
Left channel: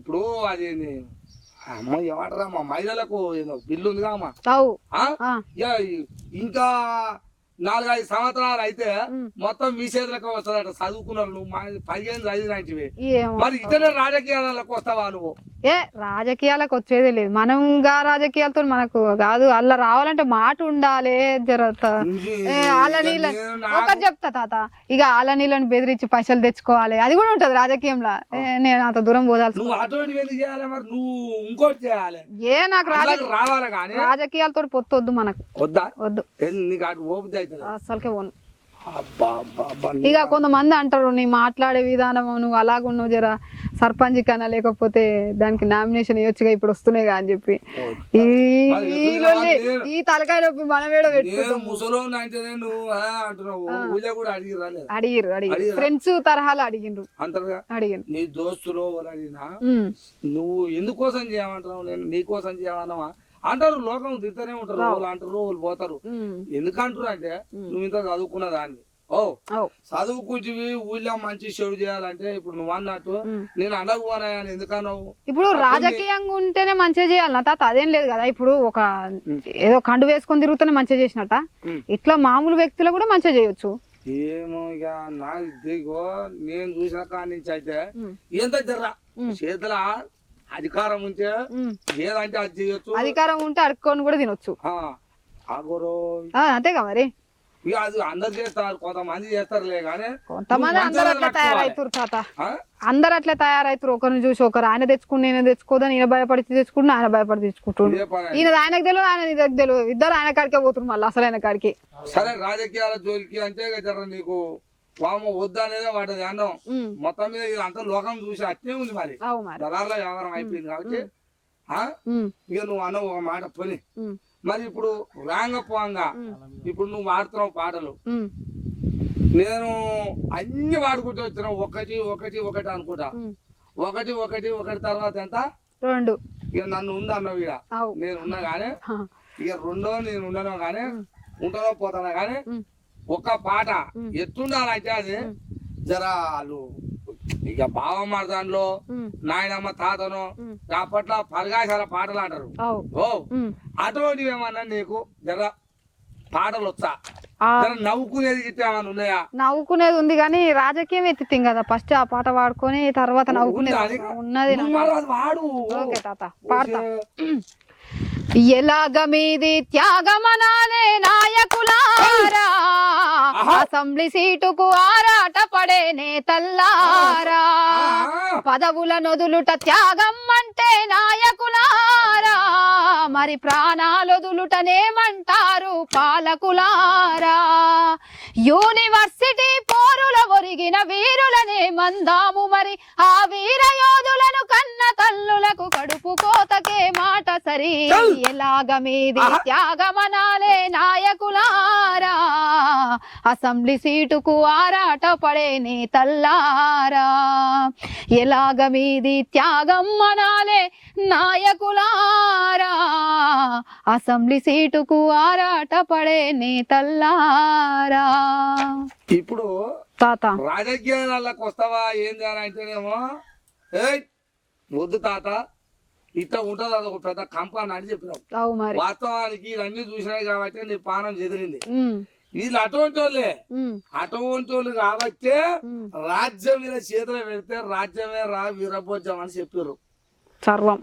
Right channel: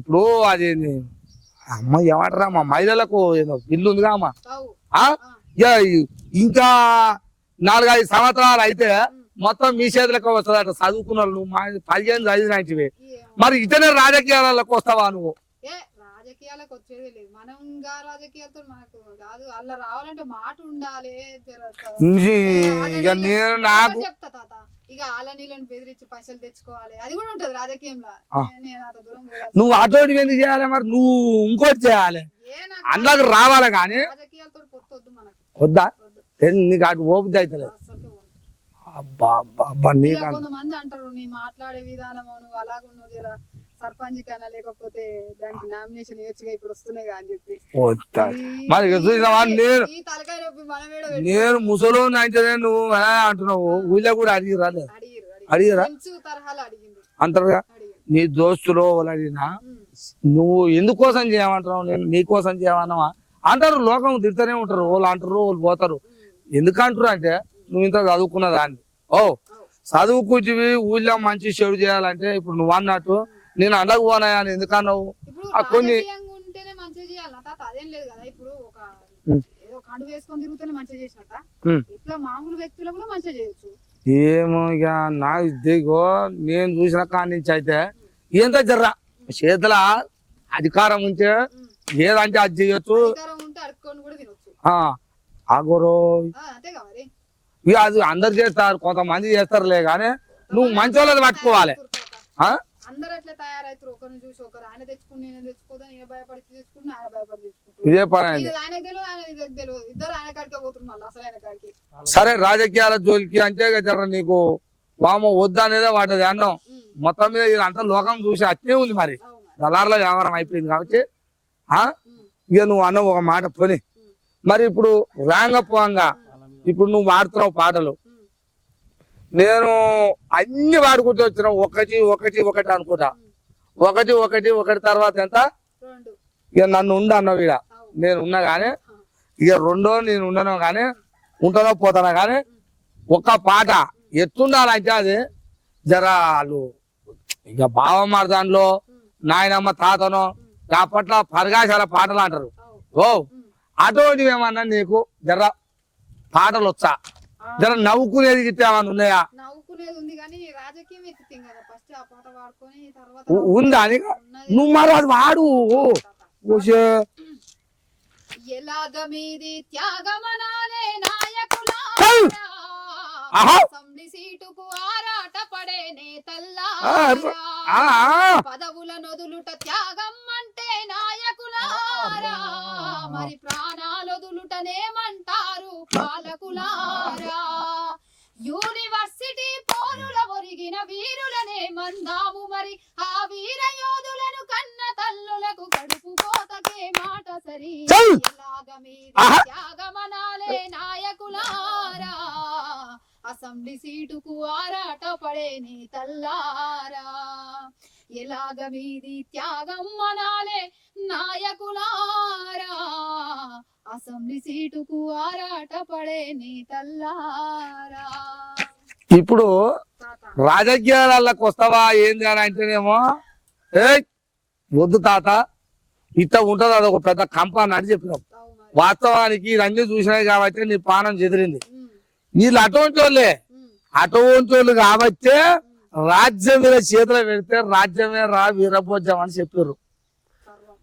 ఇప్పుడు అది అమ్మ ఏమంటారా మా మహిళలకు ఏదో బిల్లు ఉందిగా అమ్మ ఇంకా 4-5 సంవత్సరాలు అయితే మొత్తం మీ చేతులకు వస్తుందట చదువుకున్న వాళ్ళు 15 చదివినవి మరి ఇతనే రాజకీయాలకు వస్తావా నువ్వు? రాజకీయాలకు వచ్చేదే లేదు మనం రాజకీయాలతో మనకు కాదు అలా రావాలంటే మాట ఉండాలి చెప్తా తాత ఇక ఆల నీళ్ళని బెదిరించి పైసలు తెచ్చుకోవాలి అది కూడా ఉంటది రాజకీయంలో. నేను అంత దూరం పోదాల్సి నువ్వు అటువంటి ఎందుకు చేయాలి మరి నువ్వు ఇంకోటి చేయాలి నాకు రావాలి కానీ రాజకీయాలతో పొత్తొద్దు మనకు వద్దా వద్దు నీకు అటు ఓపిక అవుతుంది అసలుకే పోను. ఇక కొంతమంది అంటారు నీ మాట్లాడే విధానం నువ్వు అలాగున్నావు జర సర్పంచ్ కన్నా లేకపోతే దానికి నామినేషన్ ఇవ్వచ్చుగా ఇప్పుడు వస్తున్నాయి అని చెప్పి ఈ తలకాయ నొప్పి మనమేడో నేను ముసలోని అయితే నువ్వు అంటున్నావు ఊళ్ళో కూడా అడిగిరు ఫ్రెండ్స్ తరహాలు అడిగిండ్రు అంటారుగా అడిగిండ్రు నీ దోస్తులు అడిగినా నువ్వు ఎందుకోసం చేయమంటున్నావు నేను నీకోసం చేయమన్నావా అంటారు. లోకం తిడుతూనే ఉంటారు వాళ్ళు అంటారు వాళ్ళు పోతారు. ఎందుకంటారు అంటే నువ్వు ఇంత చదువుకున్న దాన్ని చదువు కూర్చువి ఊళ్ళో మంచి చెడు చేయాలంటే ఇప్పుడు నువ్వు అన్నట్టు నేను అండకు పోనాయా అని ఎందుకన్నావు? ఇప్పుడు రాజకీయంగా ఉంటేనే మంచిగా చేయాలన్న తాత అదేం లేదు కదా. ఇప్పుడు ఒక ఏదో కండు వేసుకొని తిరుగుతూనే మంచిగా చేసినట్ట ఇట్లా మామూలు వ్యక్తులు కూడా మంచిగా చేయొచ్చు. ఏమో ఇక నాకు దిగో నేను చూసిన కాడి నుంచి అయితే ఏంటో జర్రా చేతుల అధికారం ఉంటే ఏదంటే అది చేయొచ్చు. అధికారం ఉంటే అడుక్కొని కూడా తినొచ్చు. అంతేగా మరి అది అందరు చేస్తారు కొంతమంది చేస్తారులే కానీ పట్టుకోవాలి. అందరు అట్లా తయారైతారు ఒకరిని చూసి ఒకరు ఆయన తెచ్చుకుని నేను తెచ్చుకోదని ఈయన భయపడి తెచ్చుకుంటే ఆయన భయపడి తెచ్చుకుంటారు. ఈయన ఆయనకు తెలియదు ఆయన నీకు తెలియదు ఇద్దరు ఆయన కాడికే పోతున్నారు మళ్ళీ అసలు ఆయన కాడికి. సరే రాజకీయాల జోలికి అంటే నీకు పాము వద్దా అనేదే వాటి అన్నం మొత్తం మీద ఇదంతా లోకం చూసి అట్లే ఉంది మరి దళారులో వ్యవహారం అయిపోయింది కాబట్టి ఇక నువ్వు అన్న ఒక మాట పోని మరి ఇప్పుడు రాంగపోంగా ఇప్పుడు నువ్వు వాడుతున్నావు పాటలు నేను అన్ని వాడుకుంటూ వచ్చిన ఒకటి అనుకుంటా ఒకటి తర్వాత ఎంత 2 ఇక నన్ను ఉండ అన్నావు ఇక నేను ఉన్నా గానీ ఇక 2 నేను ఉండను గానీ ఉంటానో పోతానా గానీ ఒక పాట ఎట్టుండాలంటే అది జరాలు ఇక బావమర్దాన్లో నాయనమ్మ తాతనో పట్ల పరగాశాల పాటలు అంటారు. అటువంటివి ఏమన్నా నీకు జర పాటలు వచ్చా జర నవ్వుకునేది ఏమన్నా ఉన్నాయా? నవ్వుకునేది ఉంది కానీ రాజకీయం ఎత్తితే కదా ఫస్ట్ ఆ పాట వాడుకొని తర్వాత వాడు ఎలాగ మీది త్యాగమనాలే నాయకులారా అసెంబ్లీ సీటుకు ఆరాట పడే నేతల్లారా పదవుల నొదులుట త్యాగం అంటే నాయకులారా మరి ప్రాణాలొదులుటనేమంటారు పాలకులారా యూనివర్సిటీ పోరుల ఒరిగిన వీరులనే మందాము మరి ఆ వీర యోధులను కన్న తల్లులకు కడుపు కోతకే మాట సరి ఎలాగ మీది త్యాగమనాలే నాయకులారా అసెంబ్లీ సీటుకు ఆరాట పడే నేతల్లారా ఎలాగ మీది త్యాగం అనాలే నాయకులారా అసెంబ్లీ సీటుకు ఆరాట పడే నేతల్లారా. ఇప్పుడు తాత రాజకీయాలకు వస్తావా ఏంది అని అంటేనేమో వద్దు తాత ఇట్లా ఉంటది అది ఒక పెద్ద కంపని అని చెప్పినాం. వాస్తవానికి ఇవన్నీ చూసినాయి కాబట్టి నీ పానం చెదిరింది. వీళ్ళు అటువంటి వాళ్ళు కాబట్టి రాజ్యం మీద చేతులు పెడితే రాజ్యమే రా వీరభోజం అని చెప్పారు. సర్వం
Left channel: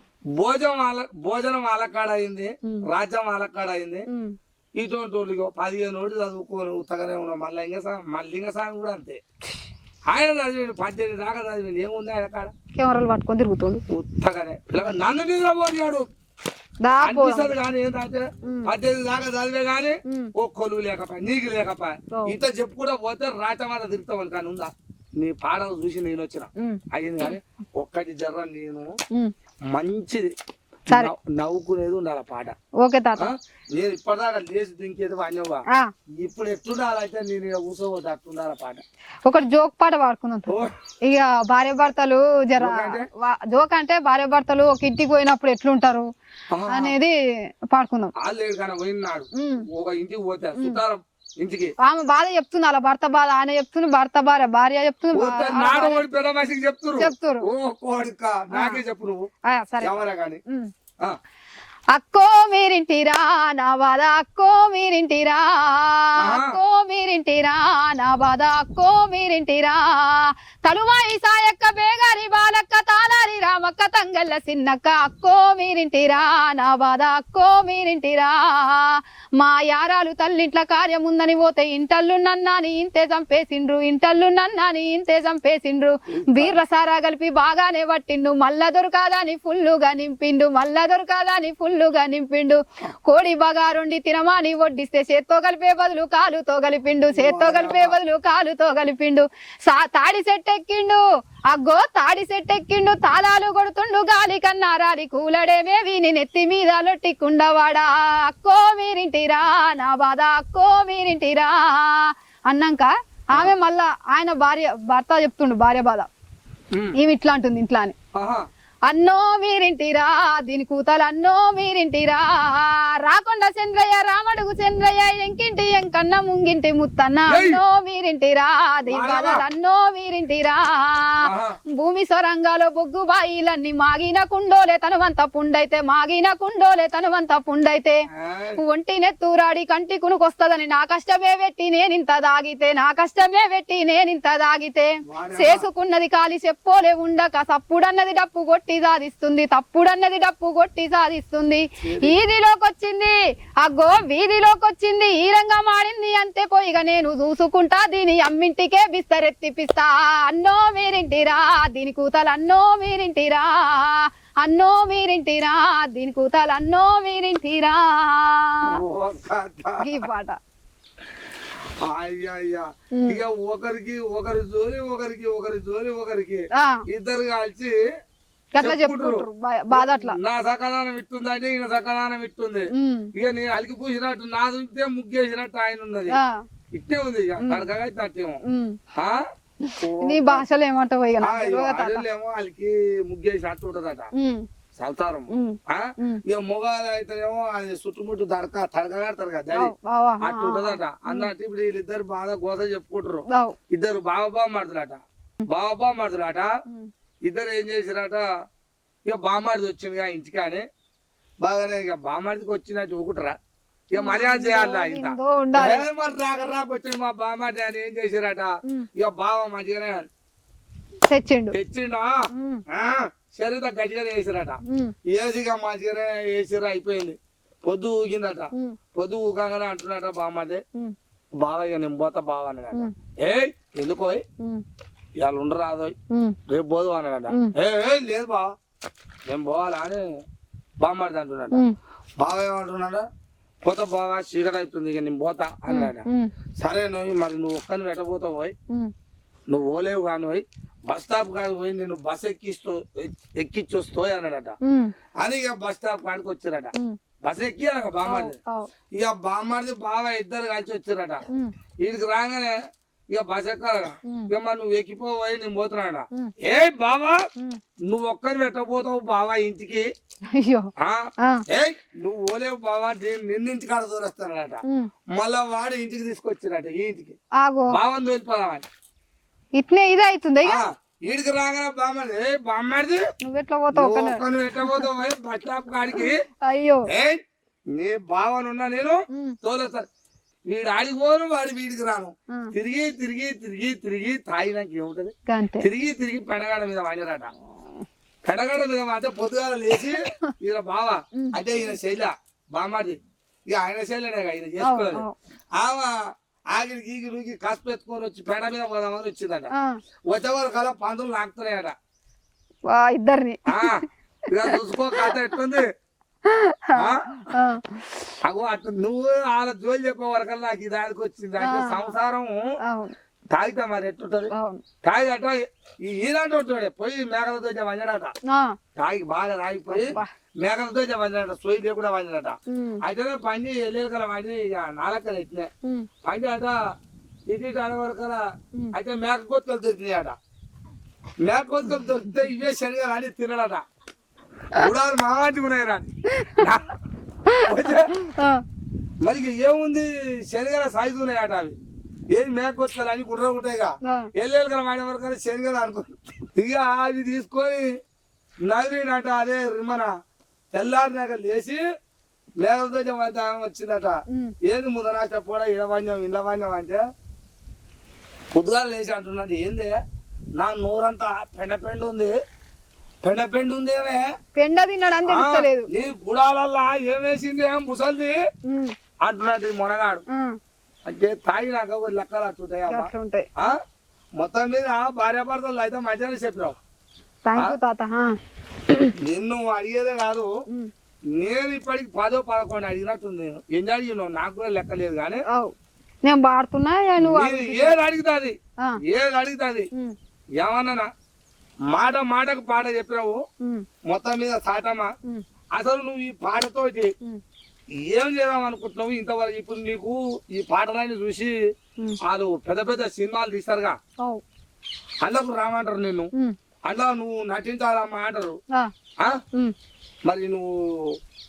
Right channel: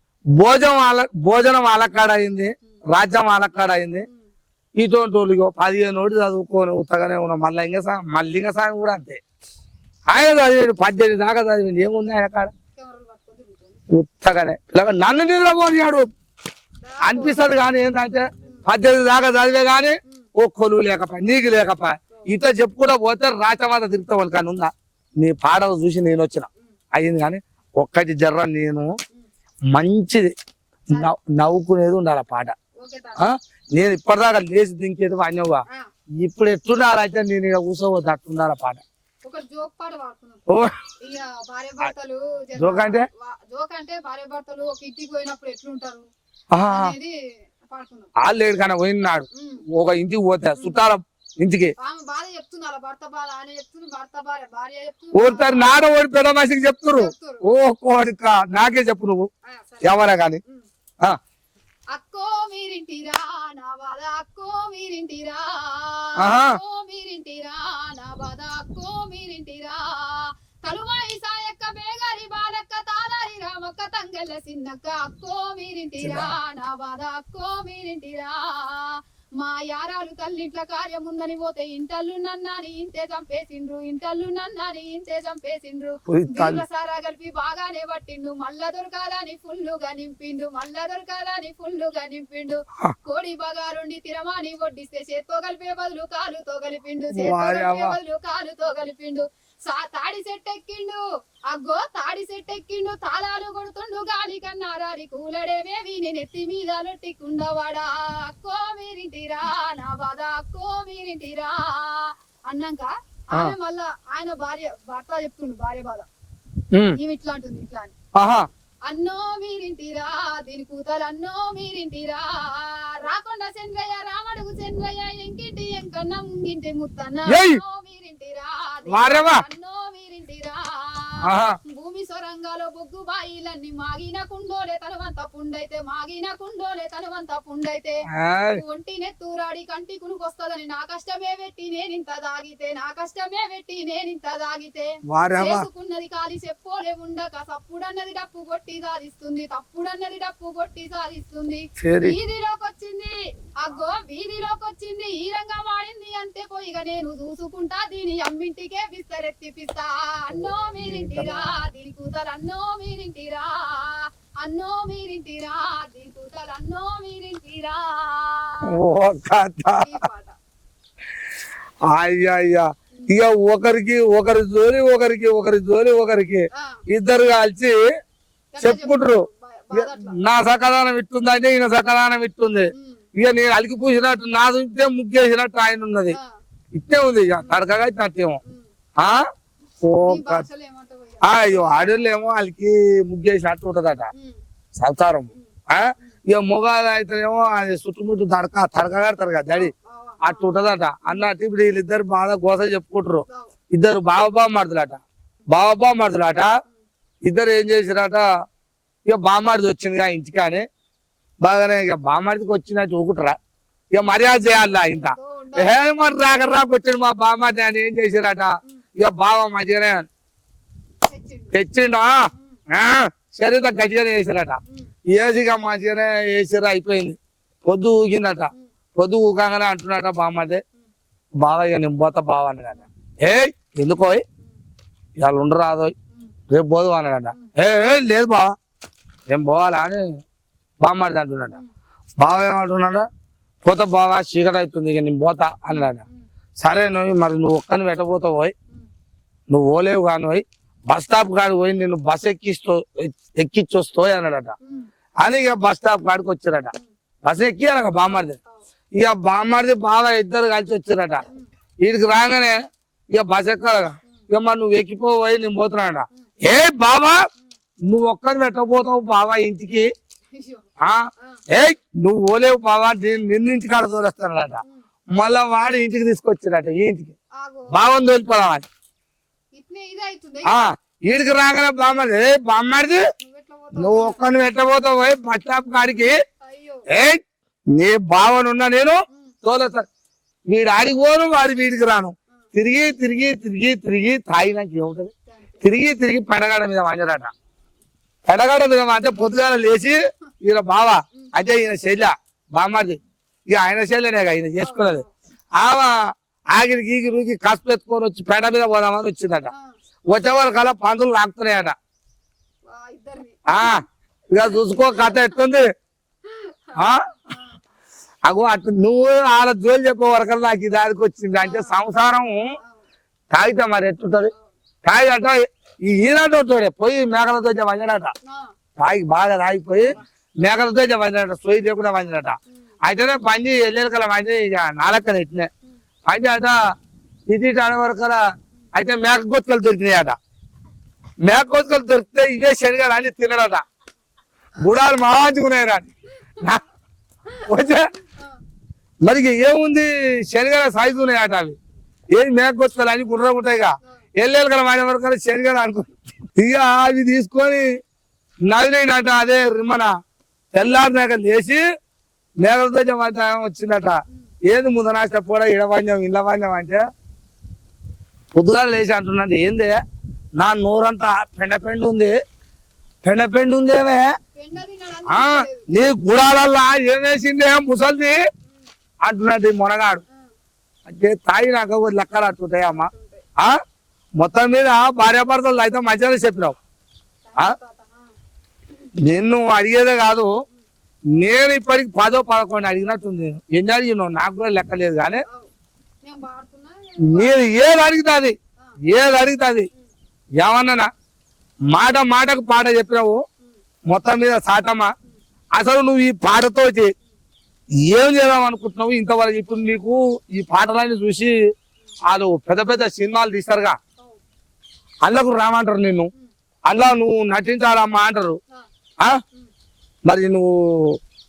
భోజనం వాళ్ళకాడ అయింది, రాజ్యం వాళ్ళకాడ అయింది. ఇటువంటి వాళ్ళు 15 రోజులు చదువుకొని ఉత్తగానే ఉన్నాం. మళ్ళీ ఇంకా సాయం కూడా అంతే. ఆయన చదివాడు 18 దాకా చదివింది ఏముంది ఆయన కాడ. కెమెరాలు పట్టుకొని తిరుగుతుండు ఉత్తగానే నన్ను నిద్రపోయాడు అనిపిస్తుంది కానీ ఏంటంటే 18 దాకా చదివే గానీ ఓ కొలువు లేకపోయా నీకు లేకపోయా ఇట్లా చెప్పుకుంటా పోతే రాచమాత తిరుగుతావు కానీ ఉందా నీ పాటలు చూసి నేను వచ్చిన అయింది కానీ ఒక్కటి జర్ర నేను మంచిది నవ్వుకునేది ఉండాలి పాట ఓకే తాత నేను ఇప్పటిదాకా లేచి దింకేది వాణ్యవా ఇప్పుడు ఎట్లుండాలంటే నేను ఇక కూర్చోవద్దు అట్లుండాలి పాట ఒకటి జోక్ పాట పాడుకున్నాం ఇక భార్య భర్తలు జోక్ అంటే భార్య భర్తలు ఒక ఇంటికి పోయినప్పుడు ఎట్లుంటారు అనేది పాడుకుందాం లేడు కానీ పోయినాడు ఒక ఇంటికి పోతే చుట్టాల ఇంటికి ఆమె బాధ చెప్తుంది అలా భర్త బాధ ఆయన చెప్తుంది భర్త భార్య చెప్తుంది ఓసారి నాడ ఓడి పెద్ద మనిషికి చెప్తున్నారు ఓ కోడిక నాకే చెప్పు నువ్వు ఎవరా కానీ అక్కో మీరింటిరా నా బాధ అక్కో మీరింటిరా అక్కో మీరింటిరా నా బాధ అక్కో మీరింటిరా తలువాయి సాయక్క బేగారి బాలక్క తాలారి రామక్క తంగల్ల సిన్నక్క అక్కో మీరింటిరా నా బాధ అక్కో మీరింటిరా మా యారాలు తల్లింట్ల కార్యం ఉందని పోతే ఇంటల్లు నన్నాని ఇంతే చంపేసిండ్రు ఇంటల్లు నన్నాని ఇంతే చంపేసిండ్రు బీర్ల సారా కలిపి బాగానే పట్టిండు మల్ల దొరకాదని ఫుల్లుగా నింపిండు మల్ల దొరకాదని ఫుల్లుగా నింపిండు కోడి బగారుండి తినమాని వడ్డిస్తే చేత్తో కలిపే బదులు కాలుతో కలిపిండు చేత్తో కలిపే బదులు కాలుతో కలిపిండు తాడి సెట్ ఎక్కిండు అగ్గో తాడి సెట్ ఎక్కిండు తాళాలు కొడుతుండు గాలి కన్నారాలి కూలడేమే వీని నెత్తి మీద లొట్టికుండవాడా అక్కో మీరింటిరా నా బాధ అక్కో మీరింటిరా అన్నాక ఆమె మళ్ళా ఆయన భర్త చెప్తుండు భార్య బాధ ఈమె ఇట్లా అంటుంది ఇంట్లో అని అన్నో మీరింటిరా దీని కూతలు అన్నో మీరింటిరా రాకొండ చంద్రయ్య రామడుగు చంద్రయ్య ఎంకింటి ఎంకన్న ముంగింటి ముత్తన్న అన్నో మీరింటిరా అన్నో మీరింటిరా భూమి సొరంగాలో బొగ్గు బాయిలన్నీ మాగిన కుండోలే తనవంత పుండైతే మాగిన కుండోలే తనవంత పుండైతే ఒంటి నెత్తూరాడి కంటి కునుకొస్తదని నా కష్టమే పెట్టి నేనింత దాగితే నా కష్టమే పెట్టి నేనింత దాగితే చేసుకున్నది కాలి చెప్పోలే ఉండక సప్పుడన్నది డప్పు కొట్టి సాధిస్తుంది తప్పుడన్నది డప్పు కొట్టి సాధిస్తుంది వీధిలోకి వచ్చింది అగ్గో వీధిలోకి వచ్చింది ఈ రంగా మాడింది అంతే పోయిగా నేను చూసుకుంటా దీని అమ్మింటికే బిస్తరెత్తిపిస్తా అన్నో మీరింటిరా దీని కూతలు అన్నో మీరింటిరా అన్నో మీరింటిరా దీని కూతలు అన్నో మీరింటిరా ఈ పాట అయ్యా ఇక ఒకరి జోలి ఒకరికి ఇద్దరు కలిసి చెప్పుకుంటారు నా సకదానం ఇట్టుందంటే ఈయన సకదానం ఇట్టుంది ఇక నేను అలికి పూసినట్టు నా చూస్తే ముగ్గేసినట్టు ఆయన ఉన్నది ఇట్టే ఉంది ఇక కడకగా ఇట్టేమో అడవులేమో వాళ్ళకి ముగ్గేసినట్టు ఉంటదట సల్తారం ఇక మొగాలు అయితేనేమో అది చుట్టుముట్టు తడక కడతారు కదా డాడీ అట్టు ఉంటదట అన్నట్టు ఇప్పుడు వీళ్ళిద్దరు బాగా గోస చెప్పుకుంటారు ఇద్దరు బావ మాడుతులాట ఇద్దరు ఏం చేసిరట ఇక బామ్మారిది వచ్చింది ఇంటికానే బాగానే ఇక బామ్మారిదికి వచ్చినట్టు ఊకుటరా ఇక మర్యాద చేయాలి ఇంత మరి రాకొచ్చాడు మా బామ్మారి అని ఏం చేసిరట ఇక బావ మంచిగానే తెచ్చిండు శరీరం గట్టిగానే వేసిరట ఏసిగా మంచిగానే వేసిరా అయిపోయింది పొద్దు ఊగిందట పొద్దు ఊగానే అంటున్నట బామ్మదే బావ ఇక నేను పోతా బావ అన్నదట ఎందుకో ఇవాళ ఉండరాదో రేపు పోదు అన్నాడట లేదు బావ నేను పోవాలా అని బామ్మది అంటున్నాడు బావ ఏమంటున్నాడా పోత బాగా చీకటి అవుతుంది ఇక నేను పోతా అన్నాడ సరే మరి నువ్వు ఒక్కని పెట్టబోతావు పోయి నువ్వు పోలేవు కాని పోయి బస్ స్టాప్ కాని పోయి నేను బస్ ఎక్కిచ్చొస్తావు అన్నాడట అని ఇక బస్ స్టాప్ కాడికి వచ్చారట బస్ ఎక్కి అనక బామ్మది ఇక బామ్మది బాగా ఇద్దరు కలిసి వచ్చారట వీడికి రాగానే ఇక బస్ ఎక్కాలగా ఇక మరి నువ్వు ఎక్కిపోయి నేను పోతున్నాడ ఏ బాబా నువ్వు ఒక్కని పెట్టబోతావు బాబా ఇంటికి నువ్వు పోలేవు బాబా నిన్నింటి కాడ తోలేస్తానట మళ్ళా వాడు ఇంటికి తీసుకొచ్చాడట ఈ ఇంటికి బావని తోలిపోదామని ఇట్నే ఇది అవుతుంది వీడికి రాగానే బామ్మది నువ్వు ఒక్కని పెట్టబోతావు బస్ స్టాప్ కాడికి నీ బావనున్నా నేను తోలేస్తాను వీడు ఆడికి పోను వాడి వీడికి రాను తిరిగి తాగినాక ఏముంటది తిరిగి పెడగాడ మీద వాంజరాట పెడగాడ మీద అంటే పొద్దుగాల లేచి ఈయన బావ అదే ఈయన శైల బామ్మది ఇక ఆయన శైలనే ఈయన చేసుకోలేదు ఆగిరికి ఈగిరికి కసుపు ఎత్తుకొని వచ్చి పెడ మీద పోదామని వచ్చిందట వచ్చేవారు కల్లా పందులు లాగుతున్నాయట ఇద్దరిని ఇక చూసుకో కథ ఎట్టుంది అగో అట్లా నువ్వు వాళ్ళ జోలు చెప్పే వరకు నాకు ఇది దానికి వచ్చింది అంటే సంసారం తాగితే మరి ఎట్టుంటది తాగిట ఈనాడు ఉంటాడు పోయి మేకలతో వంజడట తాగి బాగా తాగిపోయి మేకలతో వంజడట సోయి లేకుండా వంజడట అయితేనే పంచి ఎల్లెలకల పంచి నాలక్కన ఎట్టినాయి పంచి అట ఇది వరకు అయితే మేక గొత్తులు దొరికినాయట మేక గొత్తులు దొరికితే ఇవే శనిగా అని తినడట గుడాలు మంచుకున్నాయి రాని మరి ఏముంది శనిగల సైజు ఉన్నాయట అవి ఏది మేకొస్తారు అని గుర్ర ఉంటాయిగా ఎల్లెలు కదా వాడే వరకు శనిగలు అనుకో ఇక అవి తీసుకొని నదినట అదే మన తెల్లారినాక లేచి మేకలతో వచ్చిందట ఏది ముదనాశ కూడా ఇడవాణ్యం ఇళ్ళ వాణ్యం అంటే పొద్దుగా లేచి అంటున్నది ఏంది నా నోరంతా పెండ ఉంది ఉందేమే పెండ తిన్నాడు నీ గుడాలల్లా ఏమేసింది ముసల్ది అంటున్నది మొనగాడు అంటే తాగి నాకు లెక్కలు అట్టుంటాయి అమ్మా మొత్తం మీద భార్యాభర్తలు అయితే మంచిగానే చెప్పినావు నిన్ను అడిగేదే కాదు నేను ఇప్పటికి 10, 11 అడిగినట్టుంది ఎన్ని అడిగినావు నాకు కూడా లెక్క లేదు కానీ నేను పాడుతున్నా నేను ఏది అడుగుతుంది ఏమన్నా మాటకు పాట చెప్పినావు మొత్తం మీద సాటమ్మా అసలు నువ్వు ఈ పాటతోటి ఏం చేద్దాం అనుకుంటున్నావు ఇంతవరకు ఇప్పుడు నీకు ఈ పాటలన్నీ చూసి వాళ్ళు పెద్ద సినిమాలు తీస్తారుగా అందుకు రామంటారు నిన్ను అందులో నువ్వు నటించాలమ్మా అంటారు మరి నువ్వు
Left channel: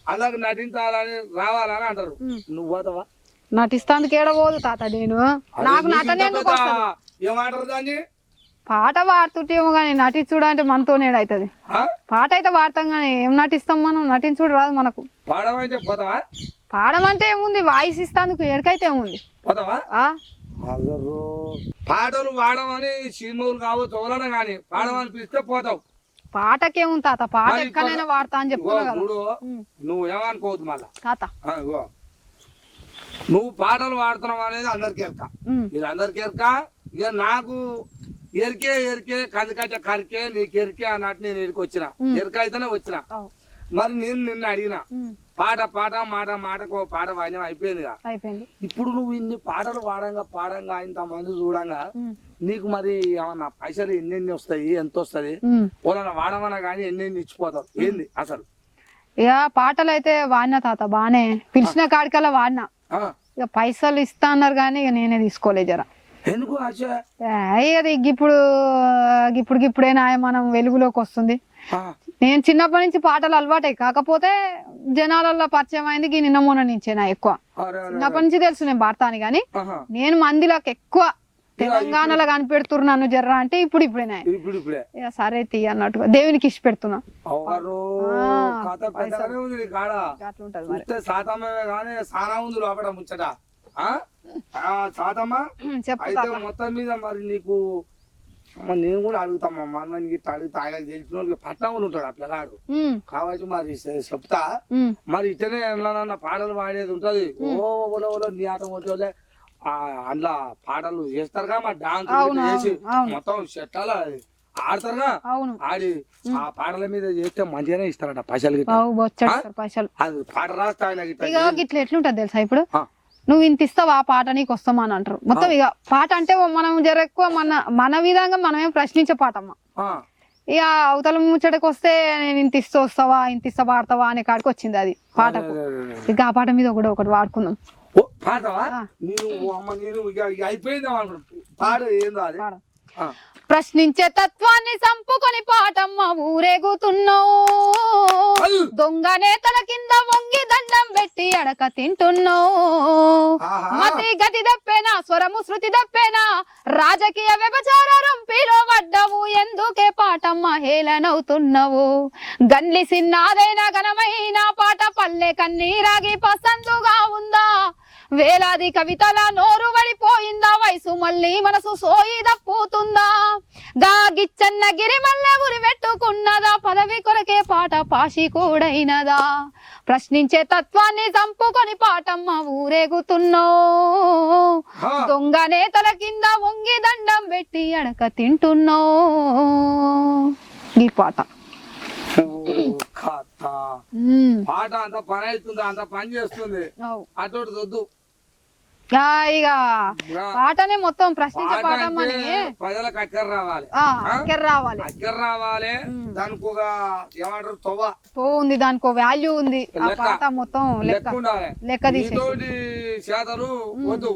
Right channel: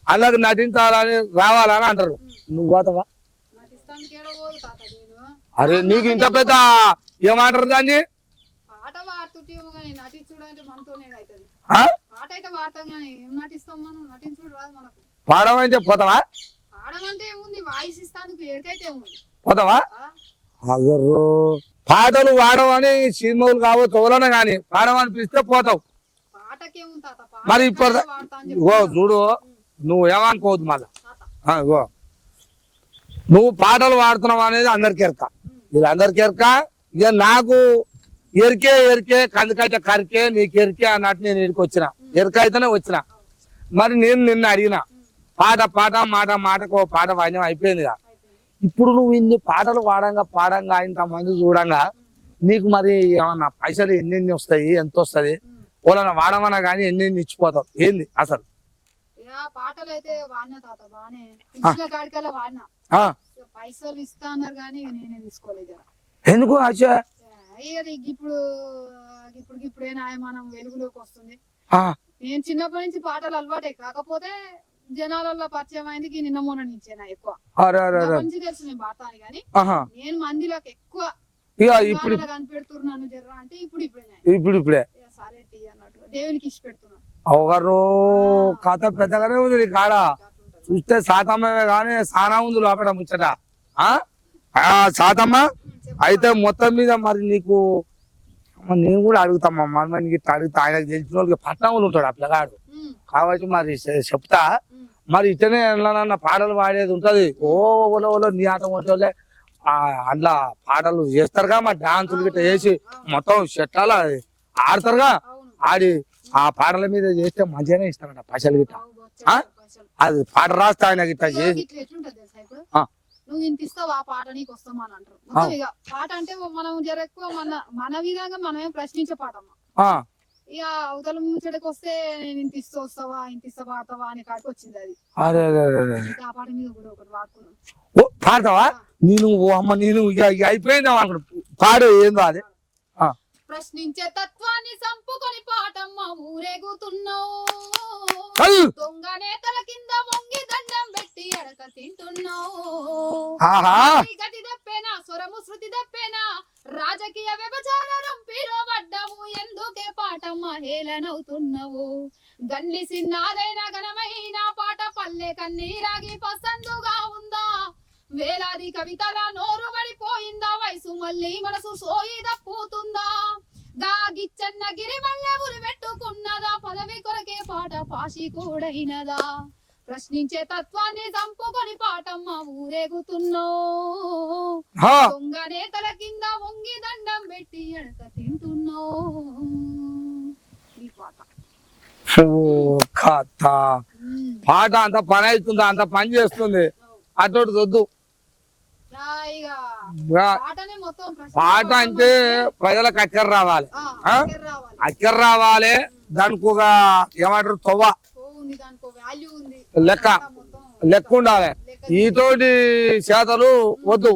అందుకు నటించాలని రావాలని అంటారు నువ్వు పోతావా నటిస్తానికి ఏడబోదు తాత నేను అదే నీకు ఇంత పెద్ద ఏమంటారు దాన్ని పాట పాడుతుంటేమో గానీ నటించుడు అంటే మనతోనే అవుతుంది పాట అయితే పాడతాం గానీ ఏం నటిస్తాం మనం నటించుడు రాదు మనకు పాడమంటే పోతావా పాడమంటే ఏముంది వాయిస్ ఇస్తాందుకు ఎడకైతే ఏముంది పోతావా పాటలు పాడమని సినిమాలు కావచ్చు ఎవరైనా కానీ పాడమని పిలిస్తే పోతావు పాటకేముంది తాత పాట వాడతా అని చెప్పి చూడు నువ్వు ఏమనుకోవద్దు మళ్ళా తాత నువ్వు పాటలు పాడుతున్నావు అనేది అందరికి ఎరక వీళ్ళందరికి ఎరక ఇక నాకు ఎరికే కందికైతే కరికే నీకు ఎరికే అన్నట్టు నేను ఎరికి వచ్చిన ఎరక అయితేనే వచ్చిన మరి నేను నిన్ను అడిగిన పాట మాటకు పాట వాయిద్యం అయిపోయింది ఇప్పుడు నువ్వు ఇన్ని పాటలు పాడంగా ఇంత మంది చూడంగా నీకు మరి ఏమన్నా పైసలు ఎన్నెన్ని వస్తాయి ఎంత వస్తుంది వాళ్ళని వాడమన్నా గానీ ఎన్నెన్ని ఇచ్చిపోతావు ఏంది అసలు ఇక పాటలు అయితే వాడినా తాత బానే పిలిచిన కాడికల్లా వాడినా ఇక పైసలు ఇస్తా అన్నారు కానీ ఇక నేనే తీసుకోలేదు జర ఎందుకు ఇప్పుడైనా మనం వెలుగులోకి వస్తుంది నేను చిన్నప్పటి నుంచి పాటలు అలవాటే కాకపోతే జనాలలో పరిచయం అయింది నిన్న మొన్న నుంచే నా ఎక్కువ చిన్నప్పటి నుంచి తెలుసు నేను పాడతాను గానీ నేను మందిలోకి ఎక్కువ తెలంగాణలో కనిపెడుతున్నాను జర్రా అంటే ఇప్పుడే సరే తీ అన్నట్టుగా దేవునికి ఇష్ట పెడుతున్నా కథ పెద్దగానే ఉంది కాడ చూస్తే సాతమ్మే కానీ సారా ఉంది లోపల ముచ్చట సాతమ్మ అయితే మొత్తం మీద మరి నీకు నేను కూడా అడుగుతామమ్మా అడుగుతా ఆయన తెలిసిన వాళ్ళకి పట్నంలో ఉంటాడు ఆ పిల్లగాడు కాబట్టి మరి చెప్తా మరి ఇతనే ఎట్లా పాటలు పాడేది ఉంటది నీ ఆట కొట్టే అందులో పాటలు చేస్తారుగా మరి డాన్సులు గిట్లా చేసి మొత్తం చెట్టాల ఆడతారుగా ఆడి ఆ పాటల మీద చేస్తే మంచిగానే ఇస్తారట పైసలు అది పాట రాస్తా ఆయన ఇట్లా ఎట్లుంటది తెలుసా ఇప్పుడు నువ్వు ఇంత ఇస్తావా పాట నీకు వస్తామా అని అంటారు మొత్తం ఇక పాట అంటే మనం జర ఎక్కువ మన విధంగా మనమేం ప్రశ్నించే పాటమ్మా ఇక అవతల ముచ్చటకి వస్తే నేను ఇంత ఇస్తూ వస్తావా ఇంత ఇస్తా పాడతావా అనే కాడికి వచ్చింది అది ఇక ఆ పాట మీద ఒకటి వాడుకుందాం పాడతావా నేను అమ్మ నేను అయిపోయిందా పాడు ఏందో అది ప్రశ్నించే తత్వాన్ని సంపుకొని పాటమ్మ ఊరేగుతున్నావు దొంగ నేతల కింద వంగి దండం పెట్టి అడక తింటున్నావు గతి దప్పేనా స్వరము శృతి దప్పేనా రాజకీయ వ్యభిచార రంపిలో పడ్డవు ఎందుకే పాటమ్మ హేళనవుతున్నావు గన్లి సిన్నాదైన ఘనమైన పాట పల్లె కన్నీరాగి పసందుగా ఉందా వేలాది కవితల నోరు పడిపోయిందా వయసు మళ్ళీ మనసు సోయి దప్పుతుందా గాగిచ్చన్న గిరి మల్లె ఉరి పెట్టుకున్నదా పదవి కొరకే పాట పాషి కూడైనదా ప్రశ్నించే తత్వాన్ని చంపుకొని పాటమ్మ ఊరేగుతున్నావు దొంగ నేతల కింద వంగి దండం పెట్టి అడక తింటున్నావు ఈ పాట ఓ కథ. పాట అంత పని అవుతుందా, అంత పని చేస్తుంది. అటు వద్దు. ఇక పాటనే మొత్తం పాట అంటే ప్రజలకు అక్కర రావాలి, అక్కర రావాలి. దానికి ఒక ఏమంటారు తొవ్వ ఉంది, దానికి వాల్యూ ఉంది, లెక్క మొత్తం లెక్క ఉండాలి. ఈతోటి చేతలు వద్దు.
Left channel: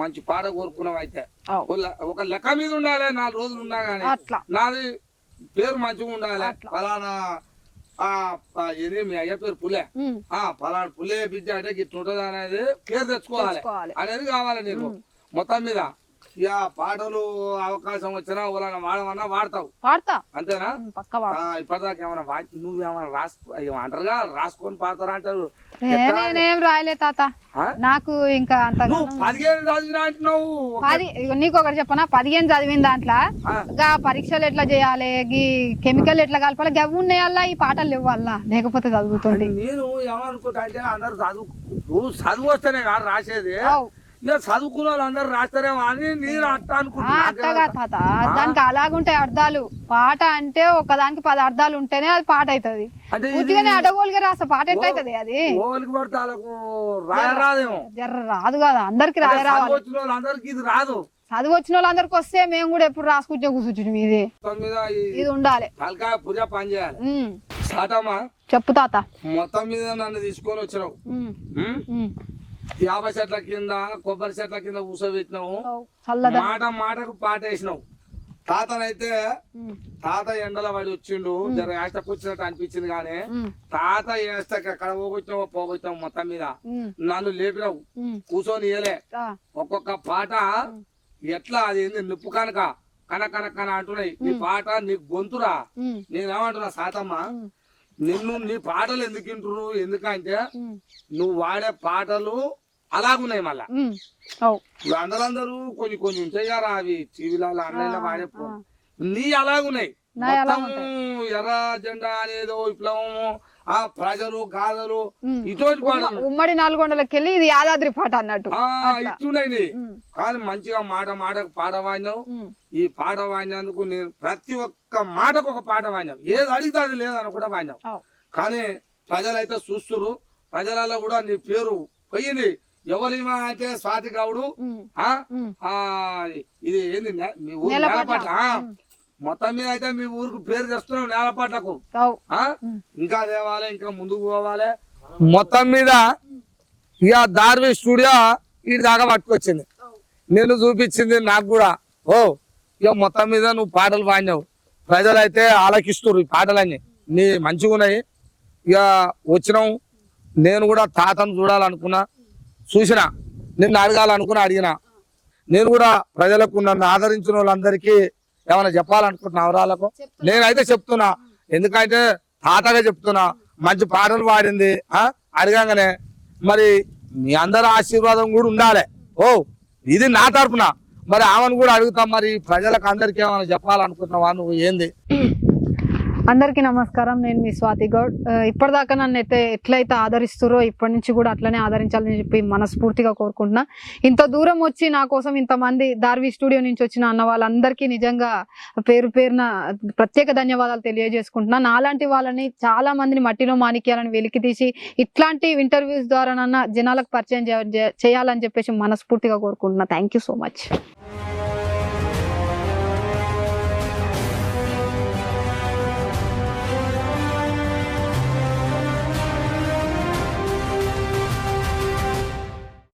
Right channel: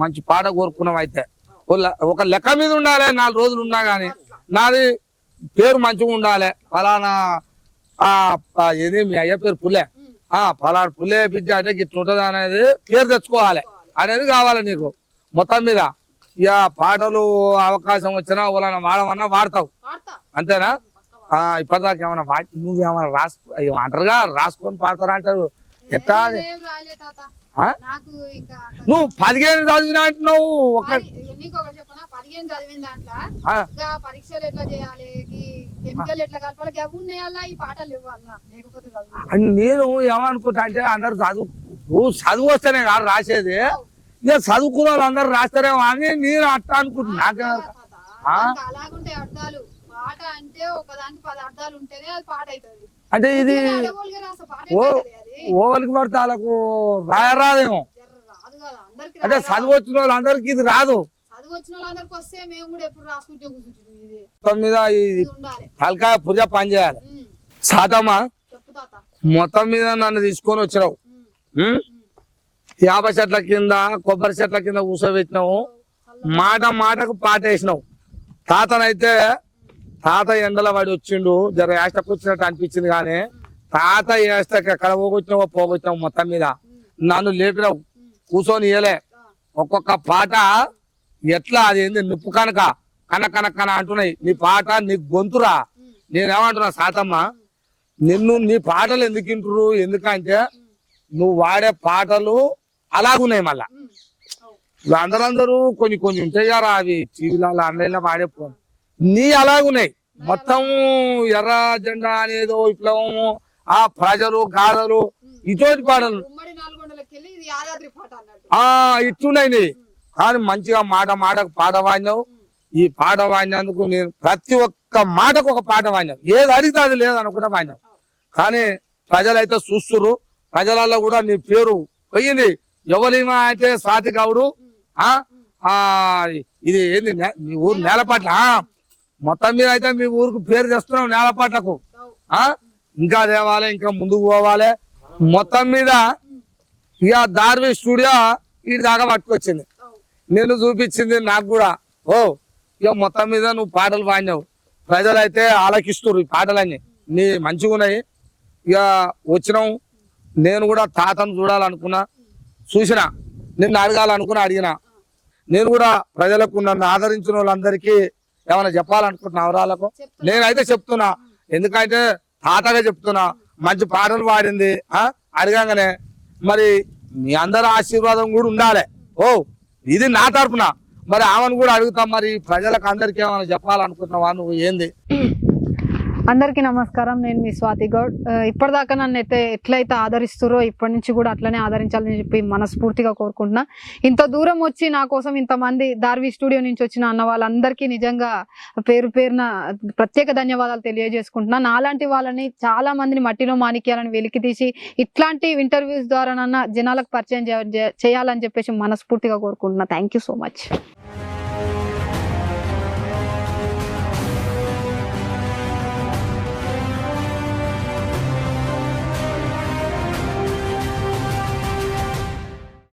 మంచి పాట కోరుకున్నాం అయితే ఒక లెక్క మీద ఉండాలి. 4 రోజులు ఉన్నా గానీ నాది పేరు మంచిగా ఉండాలి. ఫలానా ఏది మీ అయ్య పేరు పుల్లే, ఫలానా పుల్లే బిడ్డ అంటే ఇట్లుంటది అనేది పేరు తెచ్చుకోవాలి అనేది కావాలి నీకు. మొత్తం మీద ఇక పాటలు అవకాశం వచ్చినా వాళ్ళని వాడమన్నా వాడతావు అంతేనా? ఇప్పటిదాకా ఏమన్నా నువ్వేమన్నా అంటారుగా రాసుకొని పాడతారా అంటారు. రాయలే తాత నాకు ఇంకా నువ్వు 15 చదివినా అంటున్నావు. నీకు ఒకటి చెప్పనా, 15 చదివిన దాంట్లో పరీక్షలు ఎట్లా చేయాలి, కెమికల్ ఎట్లా కలపాలి, గవి ఉన్నాయల్లా, ఈ పాటలు ఇవ్వాలా, లేకపోతే చదువుతుంది. నేను ఏమనుకుంటా అంటే అందరు చదువు వస్తేనే కాదు రాసేది, చదువుకున్న వాళ్ళు అందరు రాస్తారేమో అని నేను అట్లా అనుకుంటున్నా. దానికి అలాగుంటాయి అర్థాలు. పాట అంటే ఒకదానికి 10 అర్థాలు ఉంటేనే అది పాట అవుతుంది. అంటే ఇది అడగోలుగా రాస్తా పాట ఎట్లయితది? అది ఓవలికి పడితే వాళ్ళకు రాయరాదేమో, రాదు కదా అందరికి. చదువు వచ్చిన వాళ్ళందరికి ఇది రాదు. చదువు వచ్చిన వాళ్ళందరికి వస్తే మేము కూడా ఎప్పుడు రాసుకుంటే కూర్చుంటాం. మీదే మీద ఇది ఉండాలి, హల్కా పుజ పని చేయాలి. సాతమ్మా చెప్పు తాత. మొత్తం మీద నన్ను తీసుకొని వచ్చినావు, 50 చెట్ల కింద కొబ్బరి చెట్ల కింద కూర్చోబెట్టినావు, మాట మాటకు పాట వేసినావు. తాతనైతే తాత ఎండల పడి వచ్చిండు, జర ఏష్టకు వచ్చినట్టు అనిపించింది. కానీ తాత ఏష్టకి ఎక్కడ పోగొచ్చినావు మొత్తం మీద నన్ను లేపినావు, కూర్చొని ఇయలే. ఒక్కొక్క పాట ఎట్లా అది ఏంది నిప్పు కనుక కన అంటున్నాయి. నీ పాట నీ గొంతురా. నేనేమంటున్నా సాతమ్మ, నీ పాటలు ఎందుకు వింటురు? ఎందుకంటే నువ్వు వాడే పాటలు అలాగున్నాయి. మళ్ళా అందరూ కొన్ని ఉంటాయి కదా, అవి టీవీలలో ఆన్లైన్ లో వాడే నీ అలాగున్నాయి. మొత్తం ఎర్ర జెండా అనేదో విప్లవము, ఆ ప్రజలు గాథలు ఇటువంటి పాటలు ఉమ్మడి నల్గొండలకి వెళ్ళి ఇది యాదాద్రి పాట అన్నట్టు ఇట్టున్నాయి. కానీ మంచిగా మాటకు పాట వాడినావు. ఈ పాట వాడినందుకు నేను ప్రతి ఒక్క మాటకు ఒక పాట వాడినావు. ఏది అడిగితే అది లేదనుకుంటా వాడినావు. కానీ ప్రజలైతే చూస్తున్నారు. ప్రజలలో కూడా నీ పేరు పోయింది. ఎవరిమా అయితే స్వాతి గౌడు, ఇది ఏంది మీ ఊరు నేలపాట్ల. మొత్తం మీద అయితే మీ ఊరుకు పేరు తెస్తున్నావు నేలపాట్లకు. ఇంకా తేవాలి, ఇంకా ముందుకు పోవాలి. మొత్తం మీద ఇక దార్వి స్టూడియో ఇటు దాకా పట్టుకొచ్చింది, నేను చూపించింది నాకు కూడా. ఇక మొత్తం మీద నువ్వు పాటలు పాడినావు. ప్రజలైతే ఆలకిస్తున్నారు ఈ పాటలన్నీ నీ మంచిగా ఉన్నాయి. ఇక వచ్చినావు. నేను కూడా తాతను చూడాలనుకున్నా, చూసిన, నిన్ను అడగాలనుకున్నా, అడిగినా. నేను కూడా ప్రజలకు నన్ను ఆదరించిన వాళ్ళందరికీ ఏమైనా చెప్పాలనుకుంటున్నా అవరాలకు. నేనైతే చెప్తున్నా, ఎందుకంటే తాతగా చెప్తున్నా. మంచి పాటలు పాడింది, అడగంగానే మరి మీ అందరి ఆశీర్వాదం కూడా ఉండాలి. ఇది నా తరపున. మరి ఆమెను కూడా అడుగుతాం, మరి ప్రజలకు అందరికీ ఏమైనా చెప్పాలనుకుంటున్నావా నువ్వు? ఏంది? అందరికీ నమస్కారం, నేను మీ స్వాతి గౌడ్. ఇప్పటిదాకా నన్ను అయితే ఎట్లయితే ఆదరిస్తురో ఇప్పటి నుంచి కూడా అట్లనే ఆదరించాలని చెప్పి మనస్ఫూర్తిగా కోరుకుంటున్నా. ఇంత దూరం వచ్చి నా కోసం ఇంతమంది దార్వి స్టూడియో నుంచి వచ్చిన అన్న వాళ్ళందరికీ నిజంగా పేరున ప్రత్యేక ధన్యవాదాలు తెలియజేసుకుంటున్నా. నాలాంటి వాళ్ళని చాలా మందిని మట్టిలో మాణిక్యాలను వెలికి తీసి ఇట్లాంటి ఇంటర్వ్యూస్ ద్వారానన్నా జనాలకు పరిచయం చేయాలని చెప్పేసి మనస్ఫూర్తిగా కోరుకుంటున్నా. Thank you so much.